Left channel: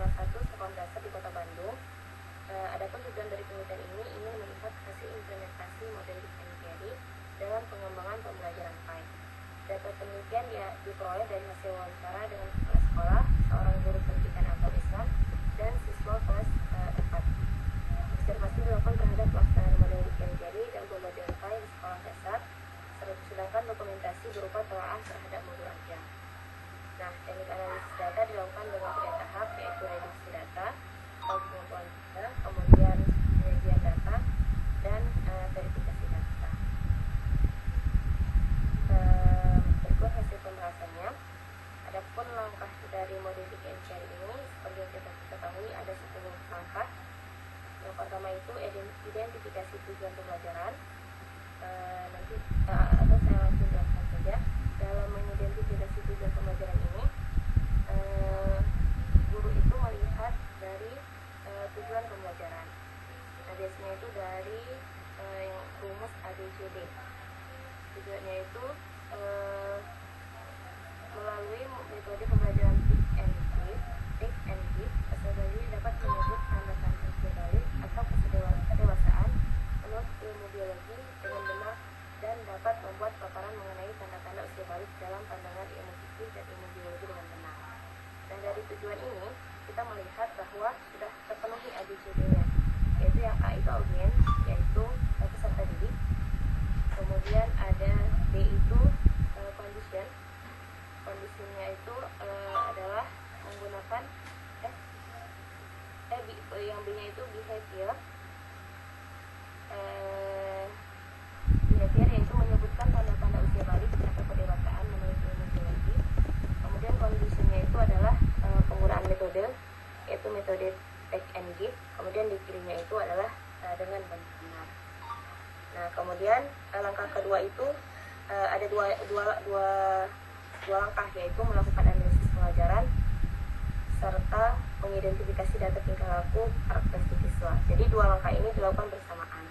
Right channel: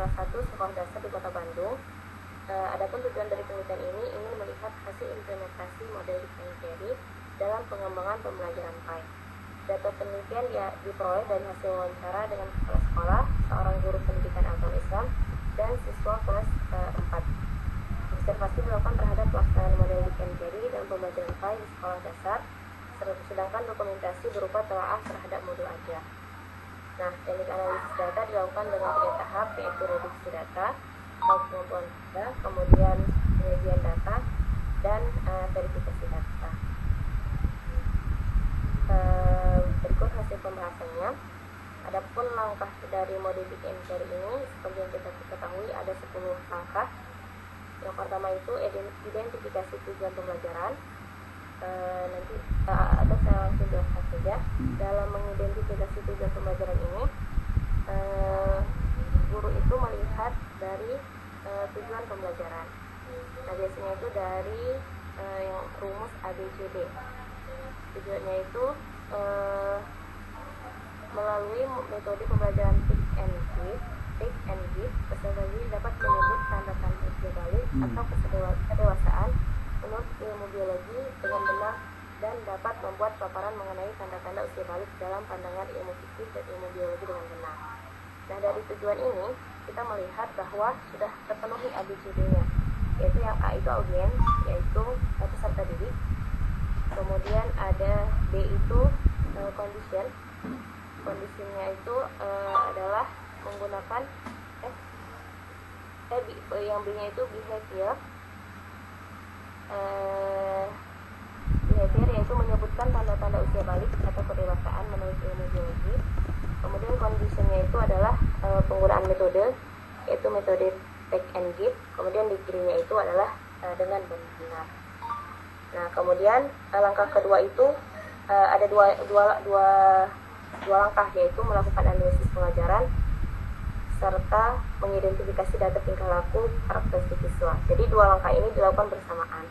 salah satu sekolah dasar di Kota Bandung. Adapun tujuan dari penelitian ini ingin melihat hasil implementasi model Dick and Jerry dalam pengembangan pembelajaran PAI. Data penelitian diperoleh dari hasil wawancara dengan kepala sekolah, seorang guru pendidikan agama Islam, dan siswa kelas 4. Observasi dilakukan terhadap pelaksanaan model Dick and Jerry dan pembelajaran PAI di sekolah dasar, sedangkan dokumentasi berupa telaah terhadap modul ajar. Nah, teknik analisis data dilakukan dengan 3 tahap, yaitu reduksi data, pengumpulan data, kemudian penyajian data, dan verifikasi data. Berikut hasil pembahasannya. Adapun langkah dari model Dick and Jerry ini, seperti yang kita ketahui ada 10 langkah. Yang pertama itu identifikasi tujuan pembelajaran. Atau saya langsung jelaskan saja. Dalam mengidentifikasi tujuan pembelajaran ini, guru itu melihat dari tujuan pembelajaran. Nah, biasanya itu dari yang rumus ABCD. Tujuannya itu melalui metode pembelajaran pick and give, peserta didik dapat menyebut tanda-tanda usia balik atau kedewasaan menurut ilmu biologi dengan benar dan dapat membuat paparan mengenai tanda-tanda usia balik dalam pandangan ilmu fikih dan ilmu biologi dengan benar. Nah, dari tujuan ini kita melihat bahwa sudah terpenuhi ABCD-nya, yaitu yang A itu audiens, yaitu peserta didik. Kemudian ada B itu condition. Kondisinya itu adalah menggunakan yang B-nya itu behavior. Behavior yaitu menyebutkan tanda-tanda usia balik atau kedewasaan menurut ilmu biologi. Kemudian conditionnya itu adalah penggunaan metode, yaitu metode take and give. Kemudian degree-nya itu adalah dengan benar. Nah, kemudian langkah kedua itu ada dua langkah, yaitu melakukan analisis pengajaran serta mengidentifikasi data tingkah laku karakteristik siswa. Jadi 2 langkah ini dilakukan bersamaan.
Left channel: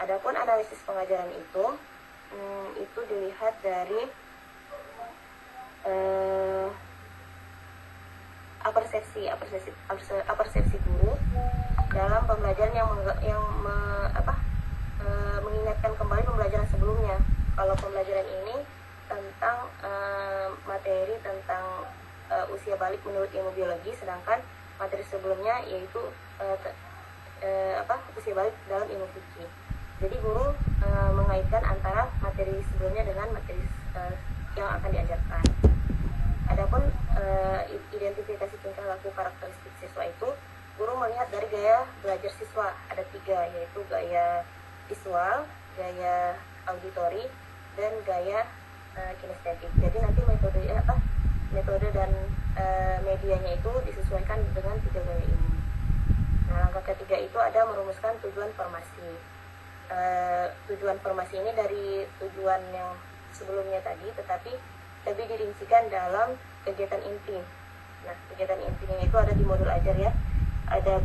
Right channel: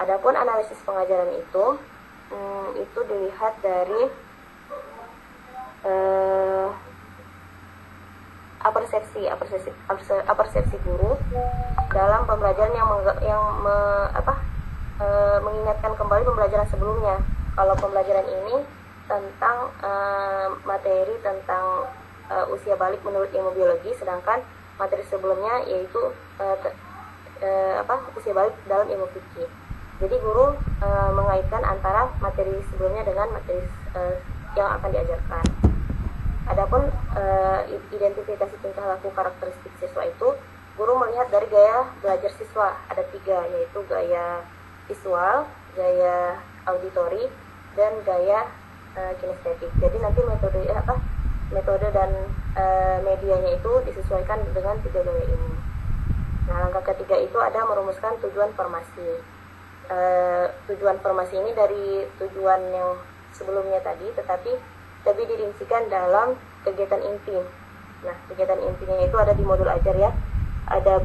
Adapun analisis pengajaran itu dilihat dari apersepsi guru dalam pembelajaran yang mengingatkan kembali pembelajaran sebelumnya. Kalau pembelajaran ini tentang materi tentang usia balik menurut ilmu biologi, sedangkan materi sebelumnya yaitu usia balik dalam ilmu fikih. Jadi guru mengaitkan antara materi sebelumnya dengan materi yang akan diajarkan. Adapun identifikasi tingkah laku karakteristik siswa itu, guru melihat dari gaya belajar siswa. Ada 3, yaitu gaya visual, gaya auditori, dan gaya kinestetik. Jadi nanti metode dan medianya itu disesuaikan dengan 3 gaya ini. Nah, langkah ketiga itu ada merumuskan tujuan formasi. Tujuan formasi ini dari tujuan yang sebelumnya tadi, tetapi lebih dirincikan dalam kegiatan inti. Nah, kegiatan intinya itu ada di modul ajar ya. Ada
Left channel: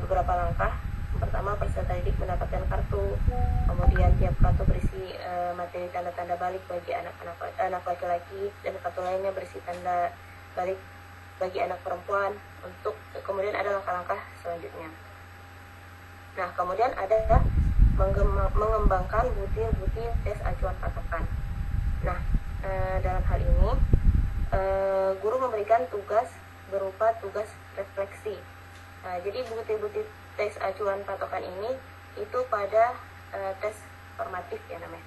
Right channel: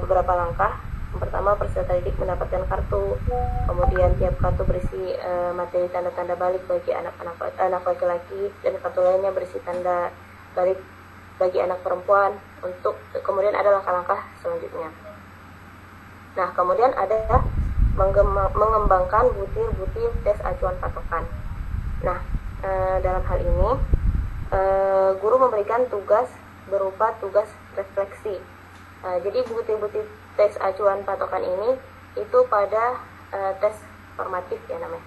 beberapa langkah. Yang pertama, peserta didik mendapatkan kartu. Kemudian tiap kartu berisi materi tanda-tanda balik bagi anak laki-laki, dan kartu lainnya berisi tanda balik bagi anak perempuan. Kemudian ada langkah-langkah selanjutnya. Nah, kemudian ada mengembangkan butir-butir tes acuan patokan. Nah, dalam hal ini guru memberikan tugas berupa tugas refleksi. Jadi butir-butir tes acuan patokan ini itu pada tes formatif ya namanya,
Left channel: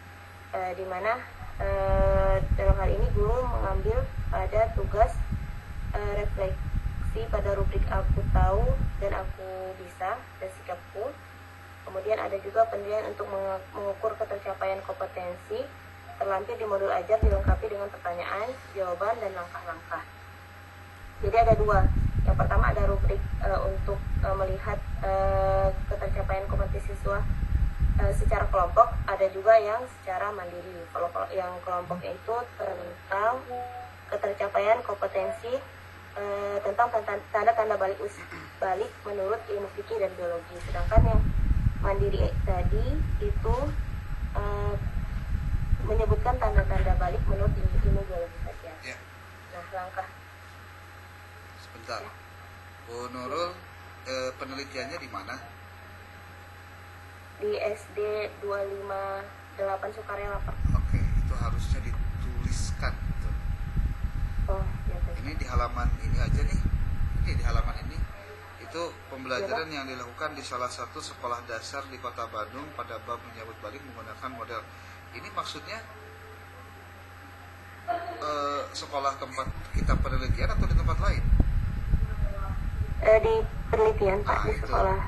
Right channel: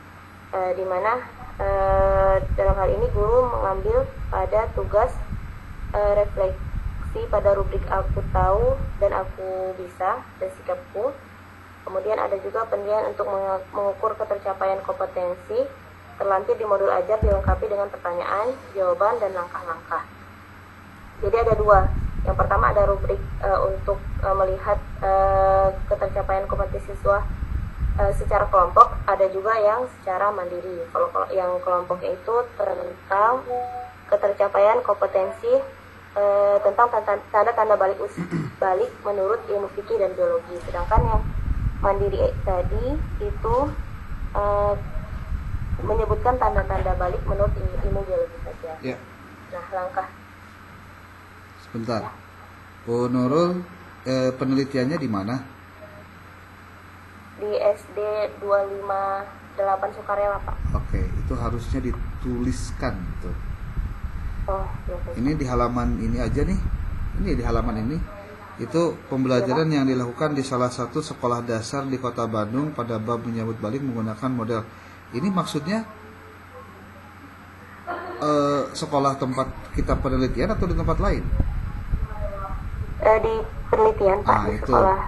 dimana dalam hal ini guru mengambil pada tugas refleksi pada rubrik aku tahu dan aku bisa dan sikapku. Kemudian ada juga penilaian untuk mengukur ketercapaian kompetensi, terlampir di modul ajar dilengkapi dengan pertanyaan, jawaban, dan langkah-langkah. Jadi ada 2. Yang pertama ada rubrik untuk melihat ketercapaian kompetensi siswa secara kelompok, ada juga yang secara mandiri. Kalau yang kelompok itu tentang ketercapaian kompetensi tentang tanda-tanda balik menurut ilmu fikih dan biologi. Sedangkan yang mandiri tadi itu menyebutkan tanda-tanda balik menurut ilmu biologi saja. Ya. Nah, langkah sebentar. Ya. Bu Nurul, penelitiannya di mana? Di SD 258 Sukarela, Pak. Oke, itu harusnya dituliskan gitu. Oh, ya, Pak. Ini di halaman ini aja nih. Ini di halaman ini. Itu pembelajaran yang dilakukan di salah satu sekolah dasar di Kota Bandung pada bab menyambut balik menggunakan model. Ini maksudnya sekolah tempat kita penelitian atau di tempat lain? Di penelitian, Pak, di itu. sekolah.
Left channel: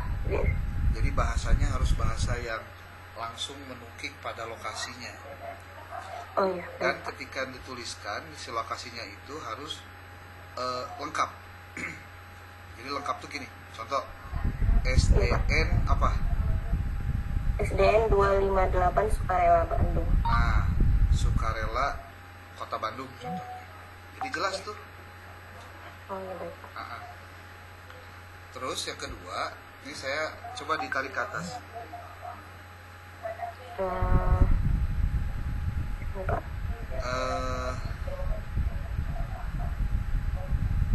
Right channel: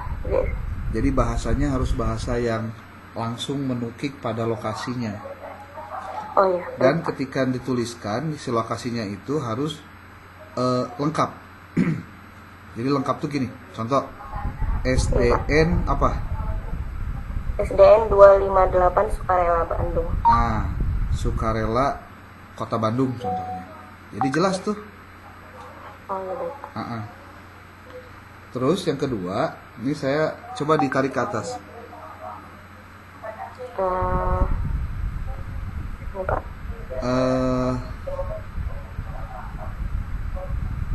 Jadi bahasanya harus bahasa yang langsung menukik pada lokasinya. Oh ya. Dan ketika dituliskan si lokasinya itu harus lengkap. Jadi lengkap tuh gini. Contoh SDN apa? SDN 258 Sukarela Bandung. Nah, Sukarela Kota Bandung contohnya. Jadi jelas tuh. Oh ya, baik, Pak. Terus yang kedua, ini saya coba ditarik ke atas. Ini, Pak.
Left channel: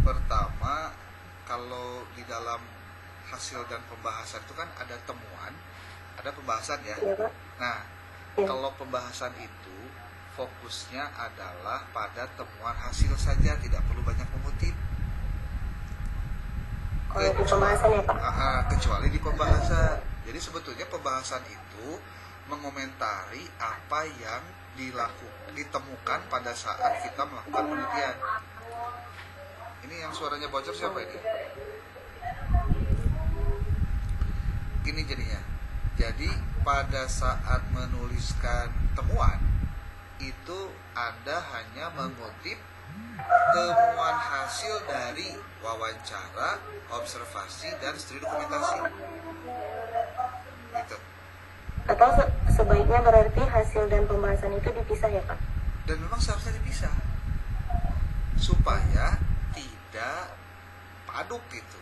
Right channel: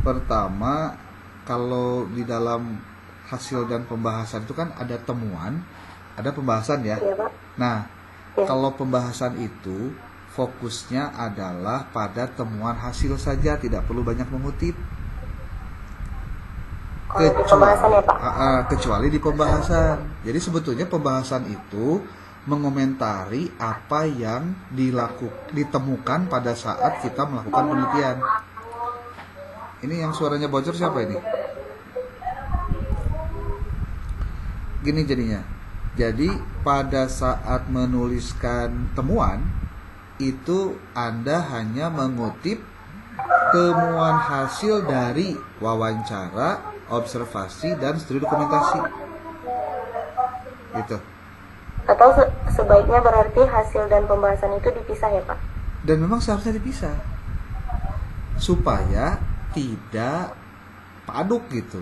Pertama, kalau di dalam hasil dan pembahasan itu kan ada temuan, ada pembahasan ya. Iya, Pak. Nah, Ya. kalau pembahasan itu fokusnya adalah pada temuan hasil saja, tidak perlu banyak mengutip. Kalau di pembahasan ya, Pak. Kecuali di pembahasan. Jadi sebetulnya pembahasan itu mengomentari apa yang ditemukan pada saat kita melakukan penelitian. Ini yang suaranya bocor siapa ini? Gini jadinya. Jadi pada saat menuliskan temuan itu Anda hanya mengutip temuan hasil dari wawancara, observasi, dan studi dokumentasi. Itu. Atau sebaiknya berarti hasil dan pembahasan itu dipisah ya, Pak? Dan memang seharusnya dipisah supaya tidak paduk gitu.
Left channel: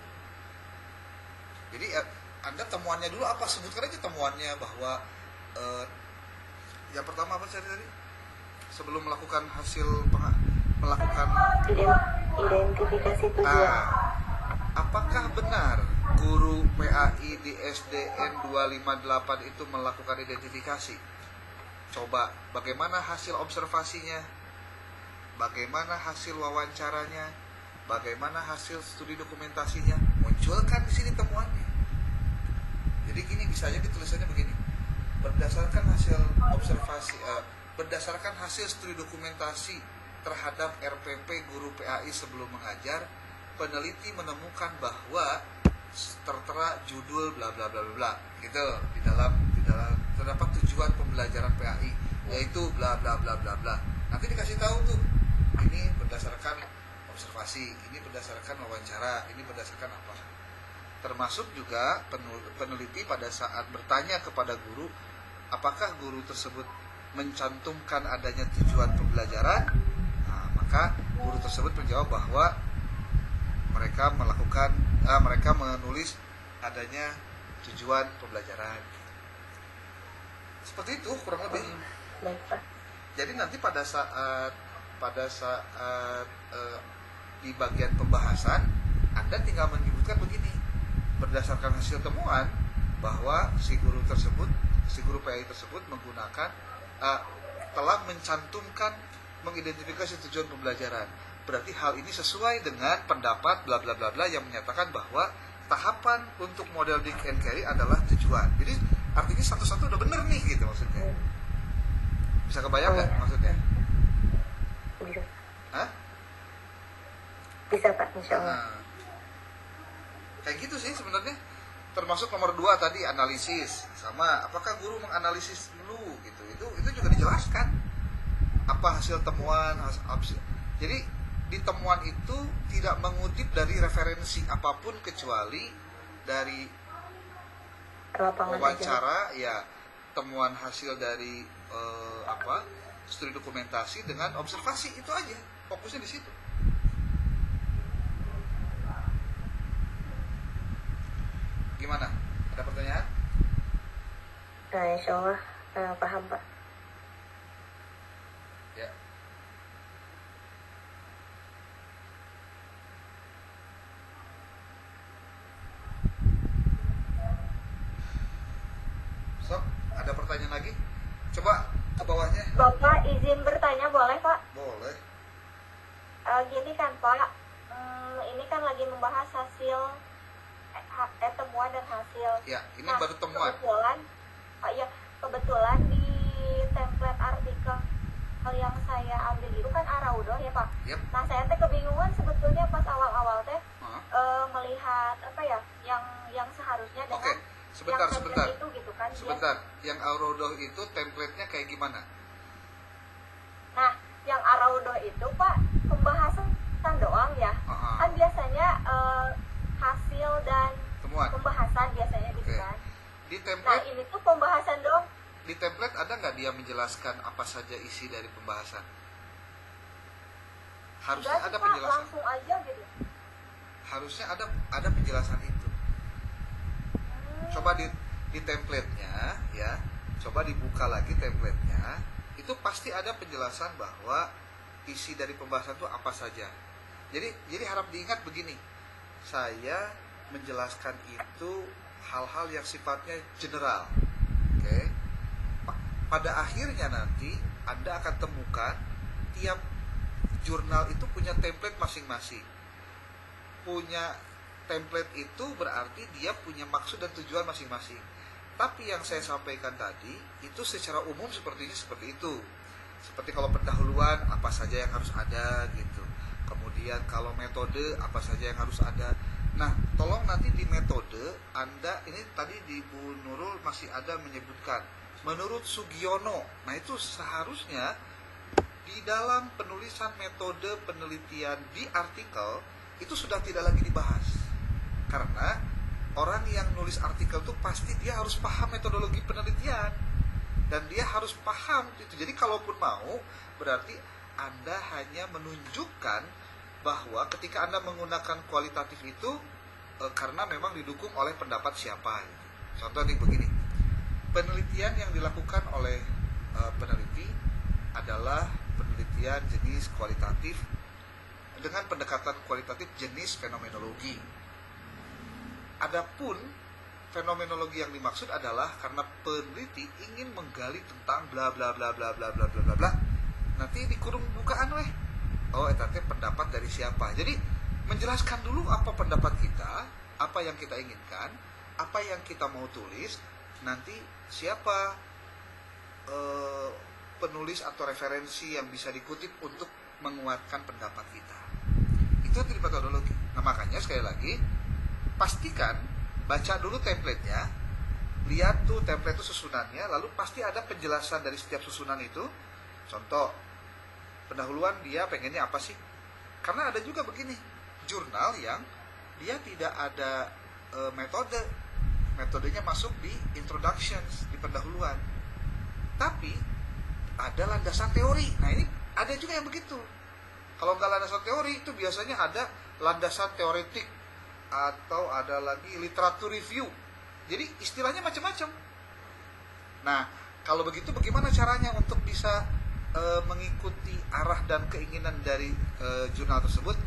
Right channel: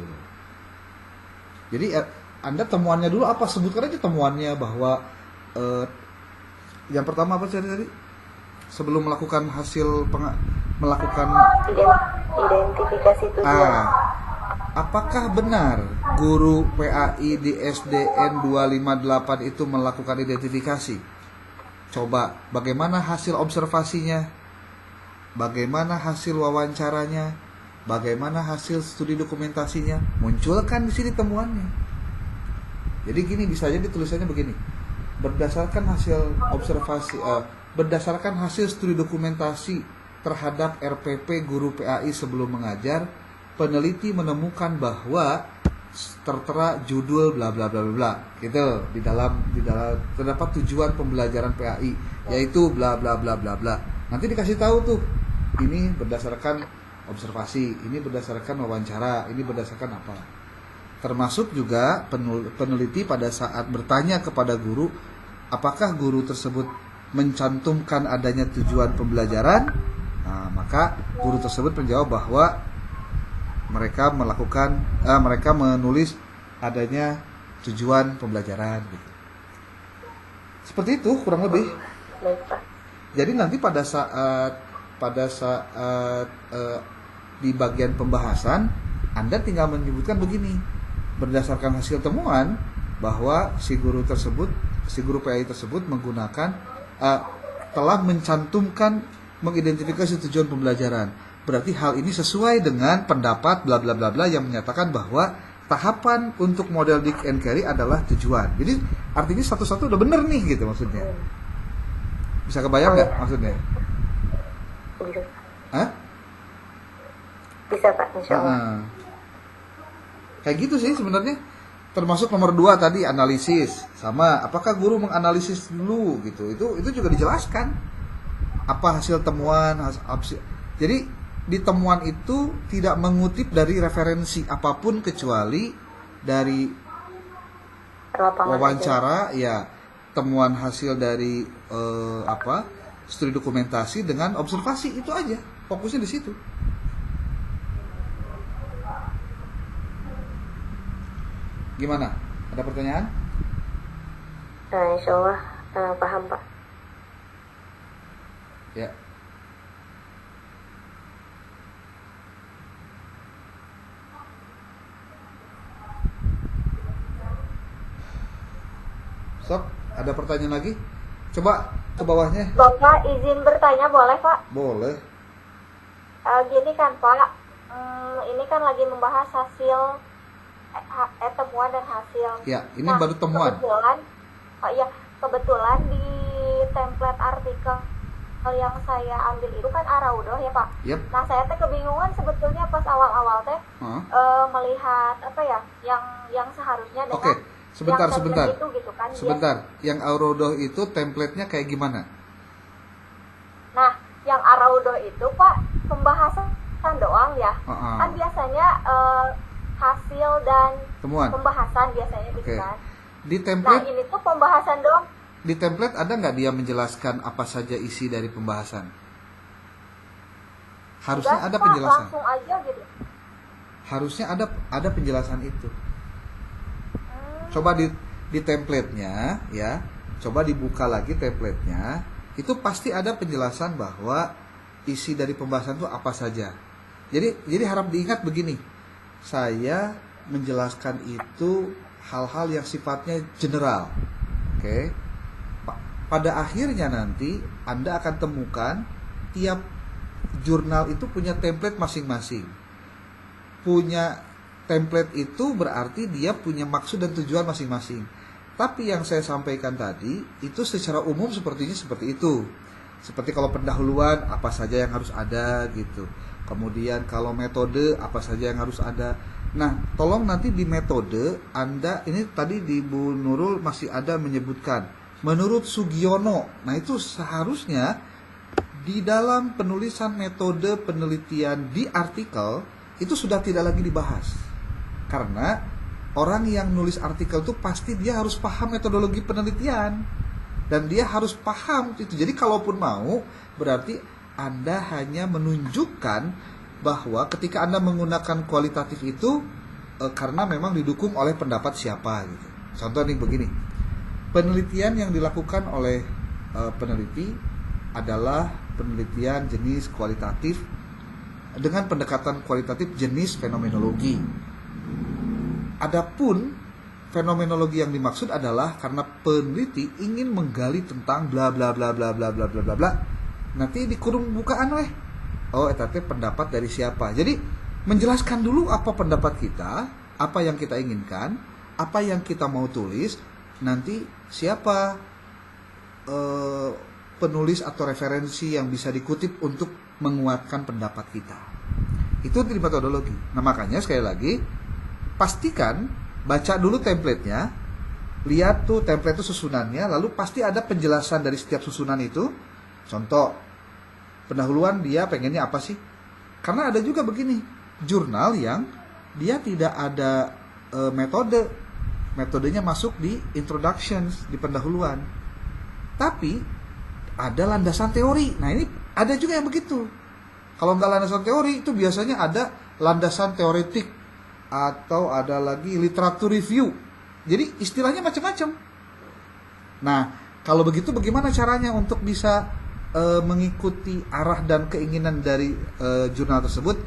Jadi Anda temuannya dulu apa, sebutkan aja temuannya bahwa yang pertama apa tadi? Sebelum melakukan melakukan identifikasi tujuan. Apakah benar guru PAI di SDN 258 itu melakukan identifikasi? Coba, bagaimana hasil observasinya? Bagaimana hasil wawancaranya? Bagaimana hasil studi dokumentasinya? Munculkan di sini temuannya. Jadi gini, bisa aja ditulisannya begini. Berdasarkan hasil observasi, berdasarkan hasil studi dokumentasi terhadap RPP guru PAI sebelum mengajar, peneliti menemukan bahwa tertera judul bla bla bla bla gitu di dalam terdapat tujuan pembelajaran PAI yaitu bla bla bla bla bla. Nanti dikasih tahu tuh, ini berdasarkan observasi, ini berdasarkan wawancara, ini berdasarkan apa. Termasuk juga peneliti pada saat bertanya kepada guru, apakah guru tersebut mencantumkan adanya tujuan pembelajaran? Nah, maka guru tersebut menjawab bahwa mereka menulis adanya tujuan pembelajaran gitu. Seperti itu kurang lebih. Jadi nanti pada saat di bagian pembahasan Anda tinggal menyebutkan begini, berdasarkan hasil temuan bahwa si guru PAI tersebut menggunakan telah mencantumkan mengidentifikasi tujuan pembelajaran. Berarti hal ini sesuai dengan pendapat bla bla bla bla yang menyatakan bahwa tahapan untuk model Dick and Carey adalah tujuan. Jadi artinya satu-satu udah bener nih gitu maksudnya. Bisa kebayang nggak maksudnya? Bisa. Hah? Bisa, Pak, insya Allah. Kayak gitu sih sebenarnya. Termasuk nomor 2 tadi analisis, sama apakah guru menganalisis dulu gitu. Itu juga dijelaskan. Apa hasil temuan, jadi di temuan itu tidak mengutip dari referensi apapun kecuali dari wawancara aja. Ya, temuan hasil dari studi dokumentasi dengan observasi, itu aja, fokusnya di situ. Gimana? Ada pertanyaan? Nah, insya Allah paham, Pak. Ya. Sok, ada pertanyaan lagi? Coba ke bawahnya. Bapak izin bertanya boleh Pak? Boleh. Gini kan Pak, ini kan lagi membahas hasil temuan dan hasil. Ya, ini baru temuan. Kebetulan di template artikel yang saya ambil itu kan Araudo ya Pak. Yep. Nah saya teh kebingungan sebetulnya pas awal-awal teh melihat apa ya yang seharusnya dengan Oke, sebentar. itu gitu kan. Sebentar, yang Araudo itu template-nya kayak gimana? Nah, yang Araudo itu Pak pembahasan doang ya. Kan biasanya hasil dan temuan. Pembahasan biasanya gitu kan. Di template. Nah, ini tuh pembahasan doang. Di template ada nggak dia menjelaskan apa saja isi dari pembahasan? Harusnya ada penjelasan. Langsung aja gitu. Harusnya ada penjelasan itu. Coba di template-nya ya, coba dibuka lagi template-nya, itu pasti ada penjelasan bahwa isi dari pembahasan itu apa saja. Jadi harap diingat begini, saya menjelaskan itu hal-hal yang sifatnya general, oke? Pada akhirnya nanti Anda akan temukan tiap jurnal itu punya template masing-masing. Punya template itu berarti dia punya maksud dan tujuan masing-masing. Tapi yang saya sampaikan tadi itu secara umum sepertinya seperti itu. Seperti kalau pendahuluan apa saja yang harus ada gitu. Kemudian kalau metode apa saja yang harus ada. Nah, tolong nanti di metode Anda ini tadi di Bu Nurul masih ada menyebutkan menurut Sugiono. Nah, itu seharusnya di dalam penulisan metode penelitian di artikel itu sudah tidak lagi dibahas. Karena orang yang nulis artikel itu pasti dia harus paham metodologi penelitian dan dia harus paham itu. Jadi kalaupun mau berarti Anda hanya menunjukkan bahwa ketika Anda menggunakan kualitatif itu karena memang didukung oleh pendapat siapa gitu. Contoh nih begini. Penelitian yang dilakukan oleh peneliti adalah penelitian jenis kualitatif dengan pendekatan kualitatif jenis fenomenologi. Adapun fenomenologi yang dimaksud adalah karena peneliti ingin menggali tentang bla bla bla bla bla bla bla bla bla. Nanti di kurung bukaan weh. Oh, eta teh pendapat dari siapa. Jadi menjelaskan dulu apa pendapat kita, apa yang kita inginkan, apa yang kita mau tulis, nanti siapa penulis atau referensi yang bisa dikutip untuk menguatkan pendapat kita. Itu dari metodologi. Nah, makanya sekali lagi pastikan baca dulu template-nya, lihat tuh template itu susunannya, lalu pasti ada penjelasan dari setiap susunan itu. Contoh, pendahuluan dia pengennya apa sih? Karena ada juga begini, jurnal yang dia tidak ada metodenya masuk di introductions, di pendahuluan. Tapi ada landasan teori. Nah, ini ada juga yang begitu. Kalau nggak landasan teori, itu biasanya ada landasan teoretik atau ada lagi literatur review. Jadi istilahnya macam-macam. Nah, kalau begitu bagaimana caranya untuk bisa mengikuti arah dan keinginan dari jurnal tersebut?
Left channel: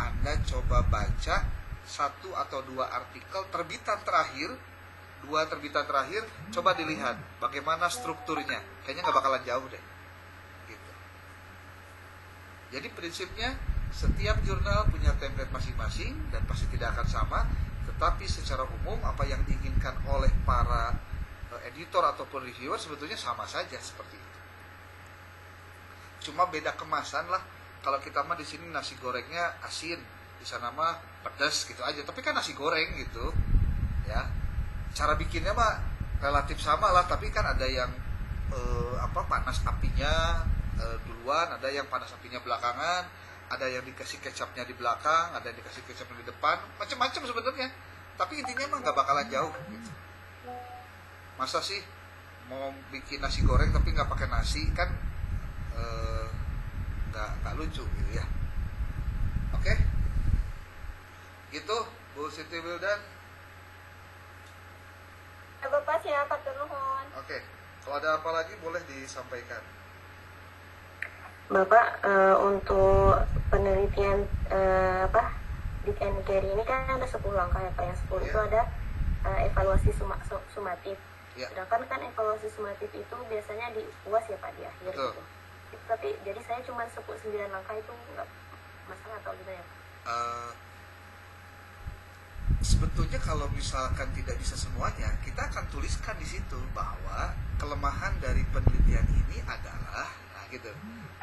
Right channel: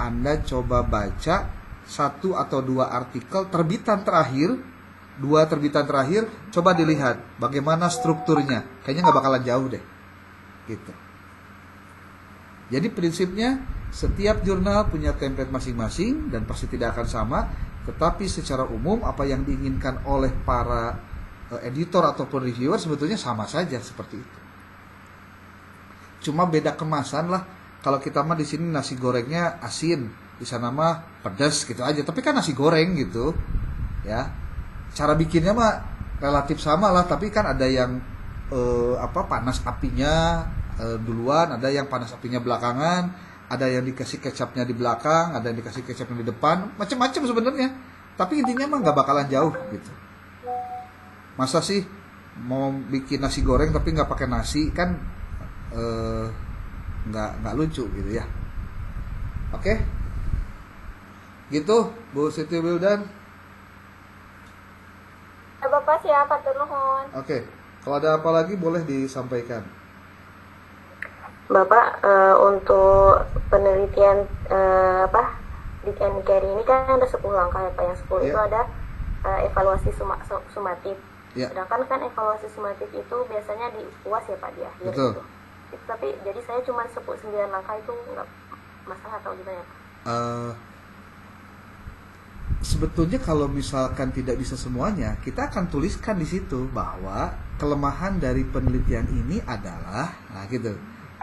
Anda coba baca 1 atau 2 artikel terbitan terakhir, 2 terbitan terakhir, coba dilihat bagaimana strukturnya. Kayaknya nggak bakalan jauh deh. Gitu. Jadi prinsipnya setiap jurnal punya template masing-masing dan pasti tidak akan sama, tetapi secara umum apa yang diinginkan oleh para editor ataupun reviewer sebetulnya sama saja seperti itu. Cuma beda kemasan lah. Kalau kita mah di sini nasi gorengnya asin, di sana mah pedas gitu aja. Tapi kan nasi goreng gitu, ya. Cara bikinnya mah relatif sama lah. Tapi kan ada yang panas apinya duluan, ada yang panas apinya belakangan, ada yang dikasih kecapnya di belakang, ada yang dikasih kecapnya di depan, macam-macam sebenarnya. Tapi intinya mah nggak bakalan jauh gitu. Masa sih mau bikin nasi goreng tapi nggak pakai nasi kan? Nggak lucu gitu ya. Oke, gitu Bu Siti Wildan. Bapak siapa turun? Oke, kalau ada apa lagi boleh disampaikan. Bapak untuk penelitian di NKRI ini kan ada 10 langkah ya Pak. Yang 10 itu ada evaluasi sumatif. Ya. Sedangkan kan evaluasi sumatif itu biasanya di UAS ya Pak, di akhir Betul. gitu. Tapi jadi saya cuma 9 langkah itu nggak masalah atau gimana ya Pak? Eh, sebetulnya kalau misalkan tidak bisa semuanya, kita akan tuliskan di situ bahwa kelemahan dari penelitian ini adalah, nah gitu,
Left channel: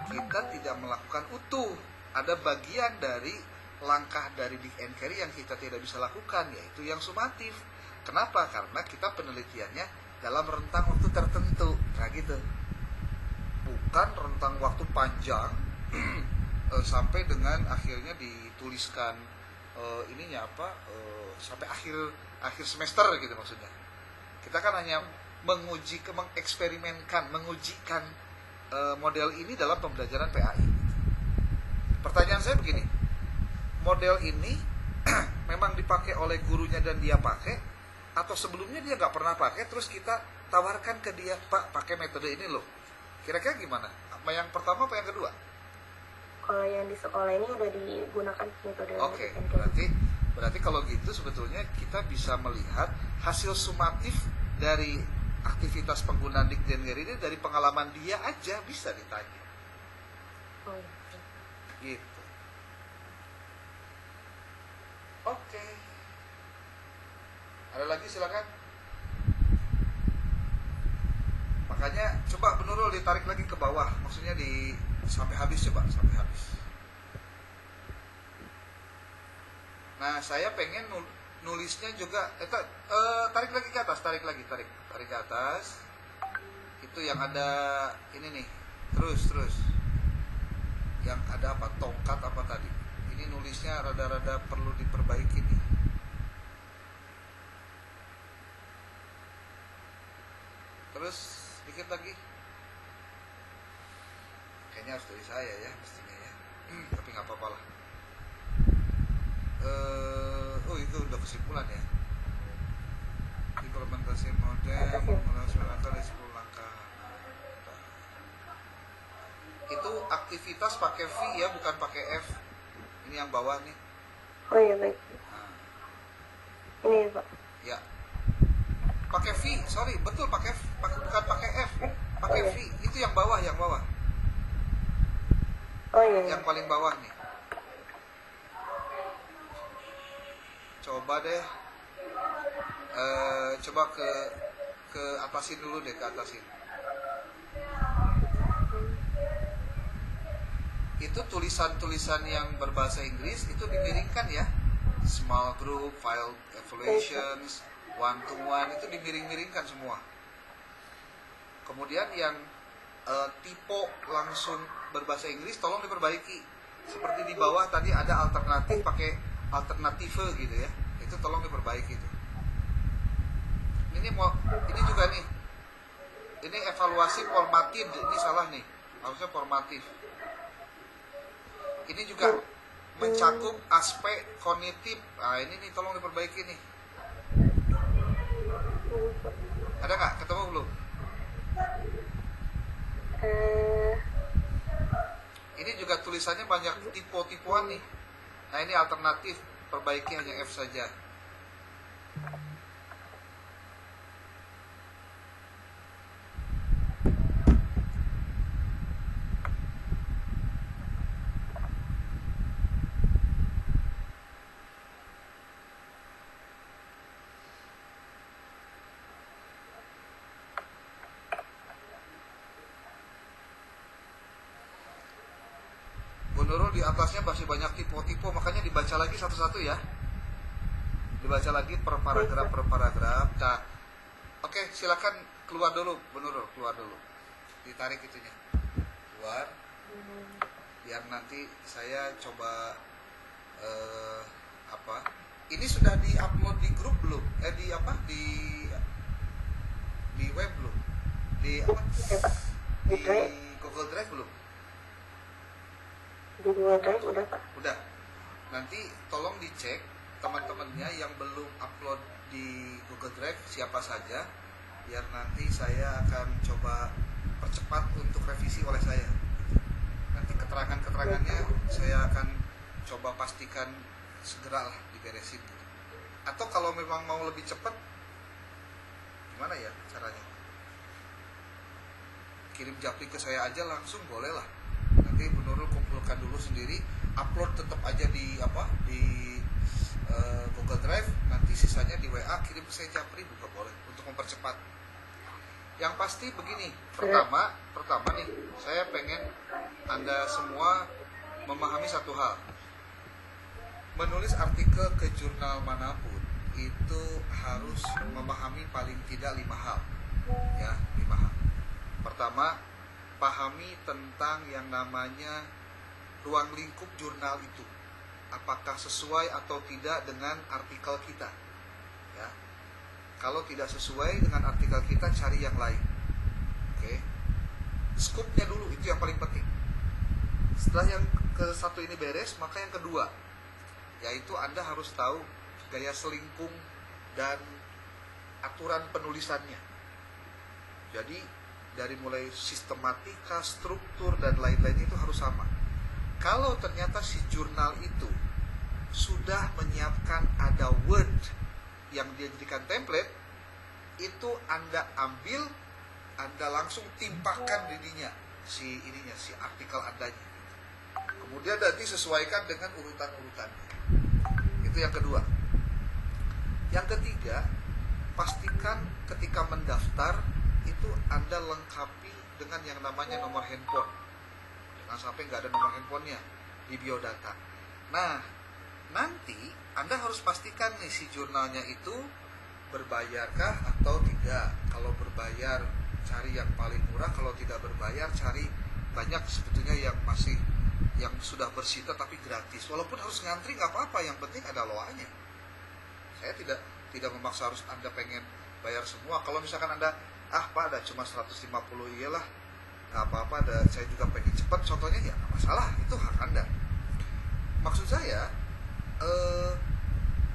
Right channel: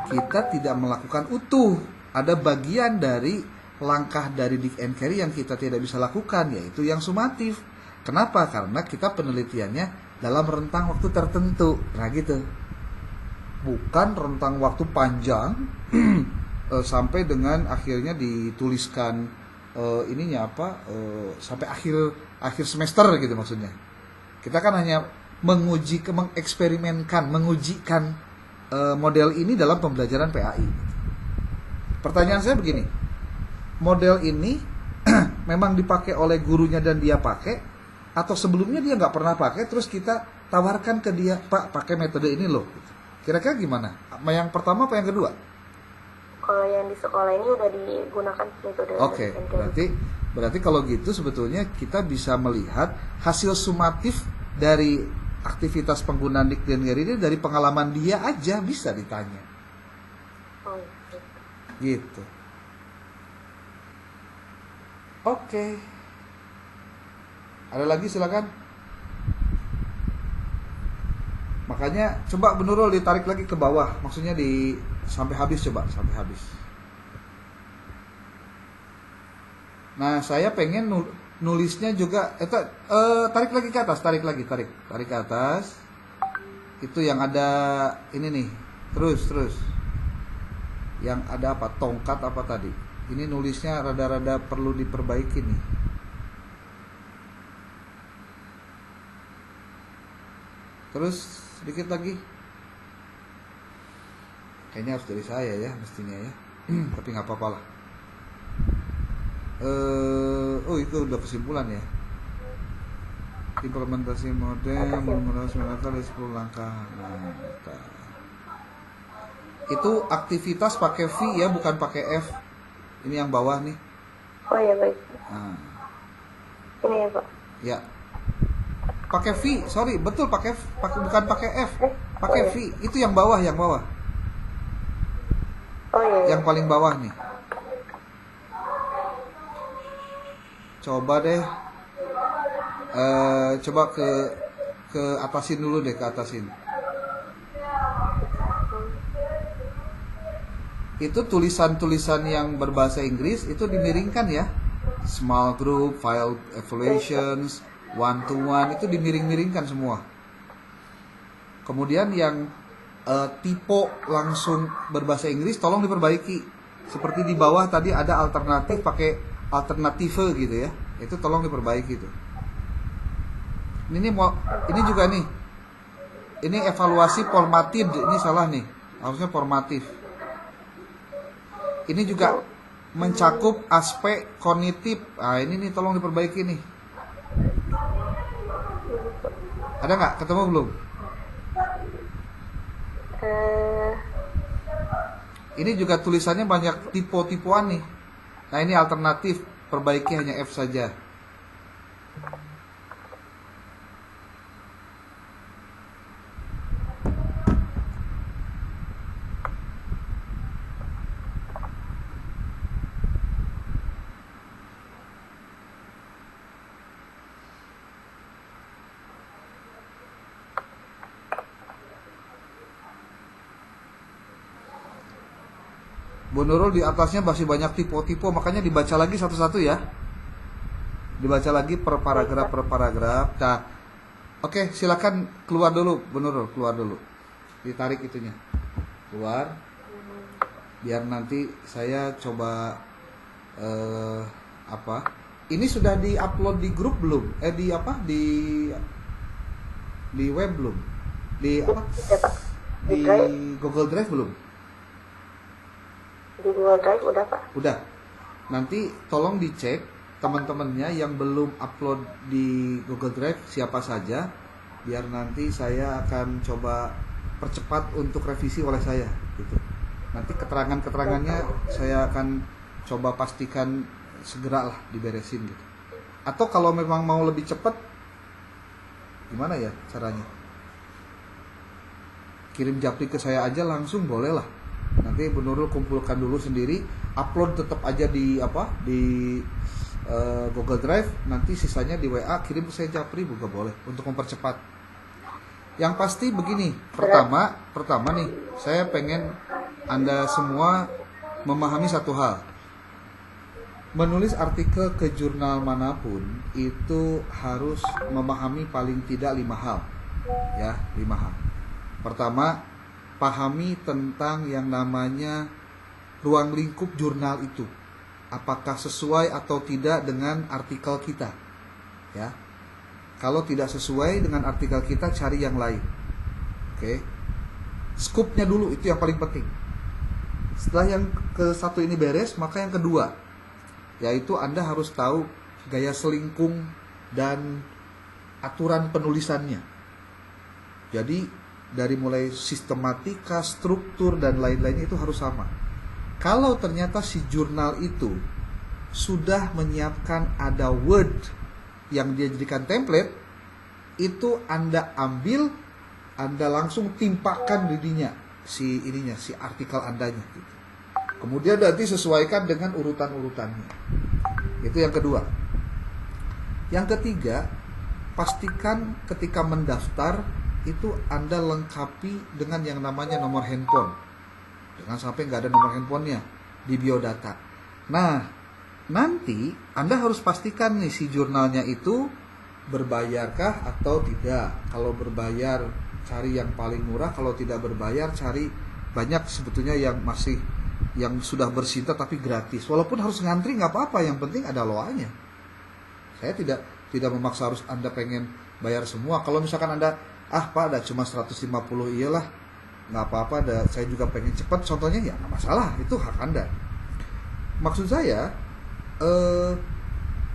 kita tidak melakukan utuh. Ada bagian dari langkah dari Dick and Carry yang kita tidak bisa lakukan, yaitu yang sumatif. Kenapa? Karena kita penelitiannya dalam rentang waktu tertentu, nah gitu. Bukan rentang waktu panjang sampai dengan akhirnya dituliskan ininya apa sampai akhir semester gitu maksudnya. Kita kan hanya mengujikan model ini dalam pembelajaran PAI. Pertanyaan saya begini, model ini memang dipakai oleh gurunya dan dia pakai, atau sebelumnya dia nggak pernah pakai terus kita tawarkan ke dia, Pak pakai metode ini loh. Kira-kira gimana? Yang pertama apa yang kedua? Kalau yang di sekolah ini udah digunakan metode Oke, Dick and Carry. berarti kalau gitu sebetulnya kita bisa melihat hasil sumatif dari aktivitas penggunaan Dick and Carry ini dari pengalaman dia aja bisa ditanya. Oh, iya. Gitu. Oke. Ada lagi silakan. Makanya coba Bu Nurul ditarik lagi ke bawah, maksudnya sampai habis, coba sampai habis. Nah, saya pengen nulisnya juga tarik lagi ke atas, tarik ke atas. Itu yang ada ini nih. Terus. Yang ada apa? Tongkat apa tadi? Ini nulisnya rada-rada perlu diperbaiki nih. Terus dikit lagi. Kayaknya harus dari saya ya mestinya ya. Tapi nggak apa-apa lah. Oh itu udah kesimpulan ya. Implementasi model menggunakan 9 kali 10 langkah. Nah, itu aktivitas pakai V ya, bukan pakai F. Ini yang bawah nih. Oh ya baik. Nah. Ini ya Pak. Ya. Pakai V, sorry, betul pakai bukan pakai F. Pakai V. Itu yang bawah, Oh iya. Yang paling bawah nih. Coba deh. Coba ke atasin dulu deh, ke atasin. Itu tulisan-tulisan yang berbahasa Inggris itu dimiringkan ya. Small group, file evaluations, one to one itu dimiring-miringkan semua. Kemudian yang tipe langsung berbahasa Inggris tolong diperbaiki. Seperti di bawah tadi ada alternatif pakai alternative gitu ya. Itu tolong diperbaiki itu. Ini juga nih. Ini evaluasi formatif, ini salah nih. Harusnya formatif. Ini juga mencakup aspek kognitif. Nah, ini nih tolong diperbaiki nih. Ada nggak? Ketemu belum? Ini juga tulisannya banyak tipe-tipuan nih. Nah, ini alternatif, perbaiki hanya F saja. Bu Nurul di atasnya masih banyak tipe-tipe, makanya dibaca lagi satu-satu ya. Dibaca lagi per paragraf. Nah, oke, silakan keluar dulu, Bu Nurul, keluar dulu. Ditarik itunya. Keluar. Biar nanti saya coba Ini sudah di-upload di grup belum? Di web belum? Di Google Drive belum? Di Google Drive udah Pak. Udah. Nanti tolong dicek teman-temannya yang belum upload di Google Drive siapa saja, biar nanti saya akan coba percepat untuk revisi oleh saya gitu. Nanti keterangannya saya akan coba pastikan segera lah diberesin gitu. Atau kalau memang mau lebih cepat Gimana ya caranya? Kirim japri ke saya aja langsung boleh lah. Nanti Bu Nurul kumpulkan dulu sendiri, upload tetap aja di Google Drive, nanti sisanya di WA kirim ke saya japri juga boleh untuk mempercepat. Yang pasti begini, pertama nih, saya pengen Anda semua memahami satu hal. Menulis artikel ke jurnal manapun itu harus memahami paling tidak 5 hal. Ya, 5 hal. Pertama, pahami tentang yang namanya ruang lingkup jurnal itu. Apakah sesuai atau tidak dengan artikel kita. Ya. Kalau tidak sesuai dengan artikel kita, cari yang lain. Oke. Scoop-nya dulu, itu yang paling penting. Setelah yang ke satu ini beres, maka yang kedua, yaitu Anda harus tahu gaya selingkung dan aturan penulisannya. Jadi dari mulai sistematika, struktur dan lain-lainnya itu harus sama. Kalau ternyata si jurnal itu sudah menyiapkan ada word yang dia jadikan template, itu Anda ambil, Anda langsung timpakan dirinya si artikel Andanya gitu. Kemudian nanti sesuaikan dengan urutan-urutannya. Itu yang kedua. Yang ketiga, pastikan ketika mendaftar itu Anda lengkapi dengan yang namanya nomor handphone. Jangan sampai nggak ada nomor handphonenya di biodata. Nah, nanti Anda harus pastikan nih si jurnalnya itu berbayarkah atau tidak. Kalau berbayar, cari yang paling murah. Kalau tidak berbayar, cari banyak sebetulnya yang sudah bersinta tapi gratis. Walaupun harus ngantri nggak apa-apa, yang penting ada loanya. Saya tidak memaksa harus Anda pengen bayar semua. Kalau misalkan Anda, Pak ada cuma 150, iyalah nggak apa-apa, saya juga pengen cepat, contohnya ya nggak masalah, itu hak Anda. Maksud saya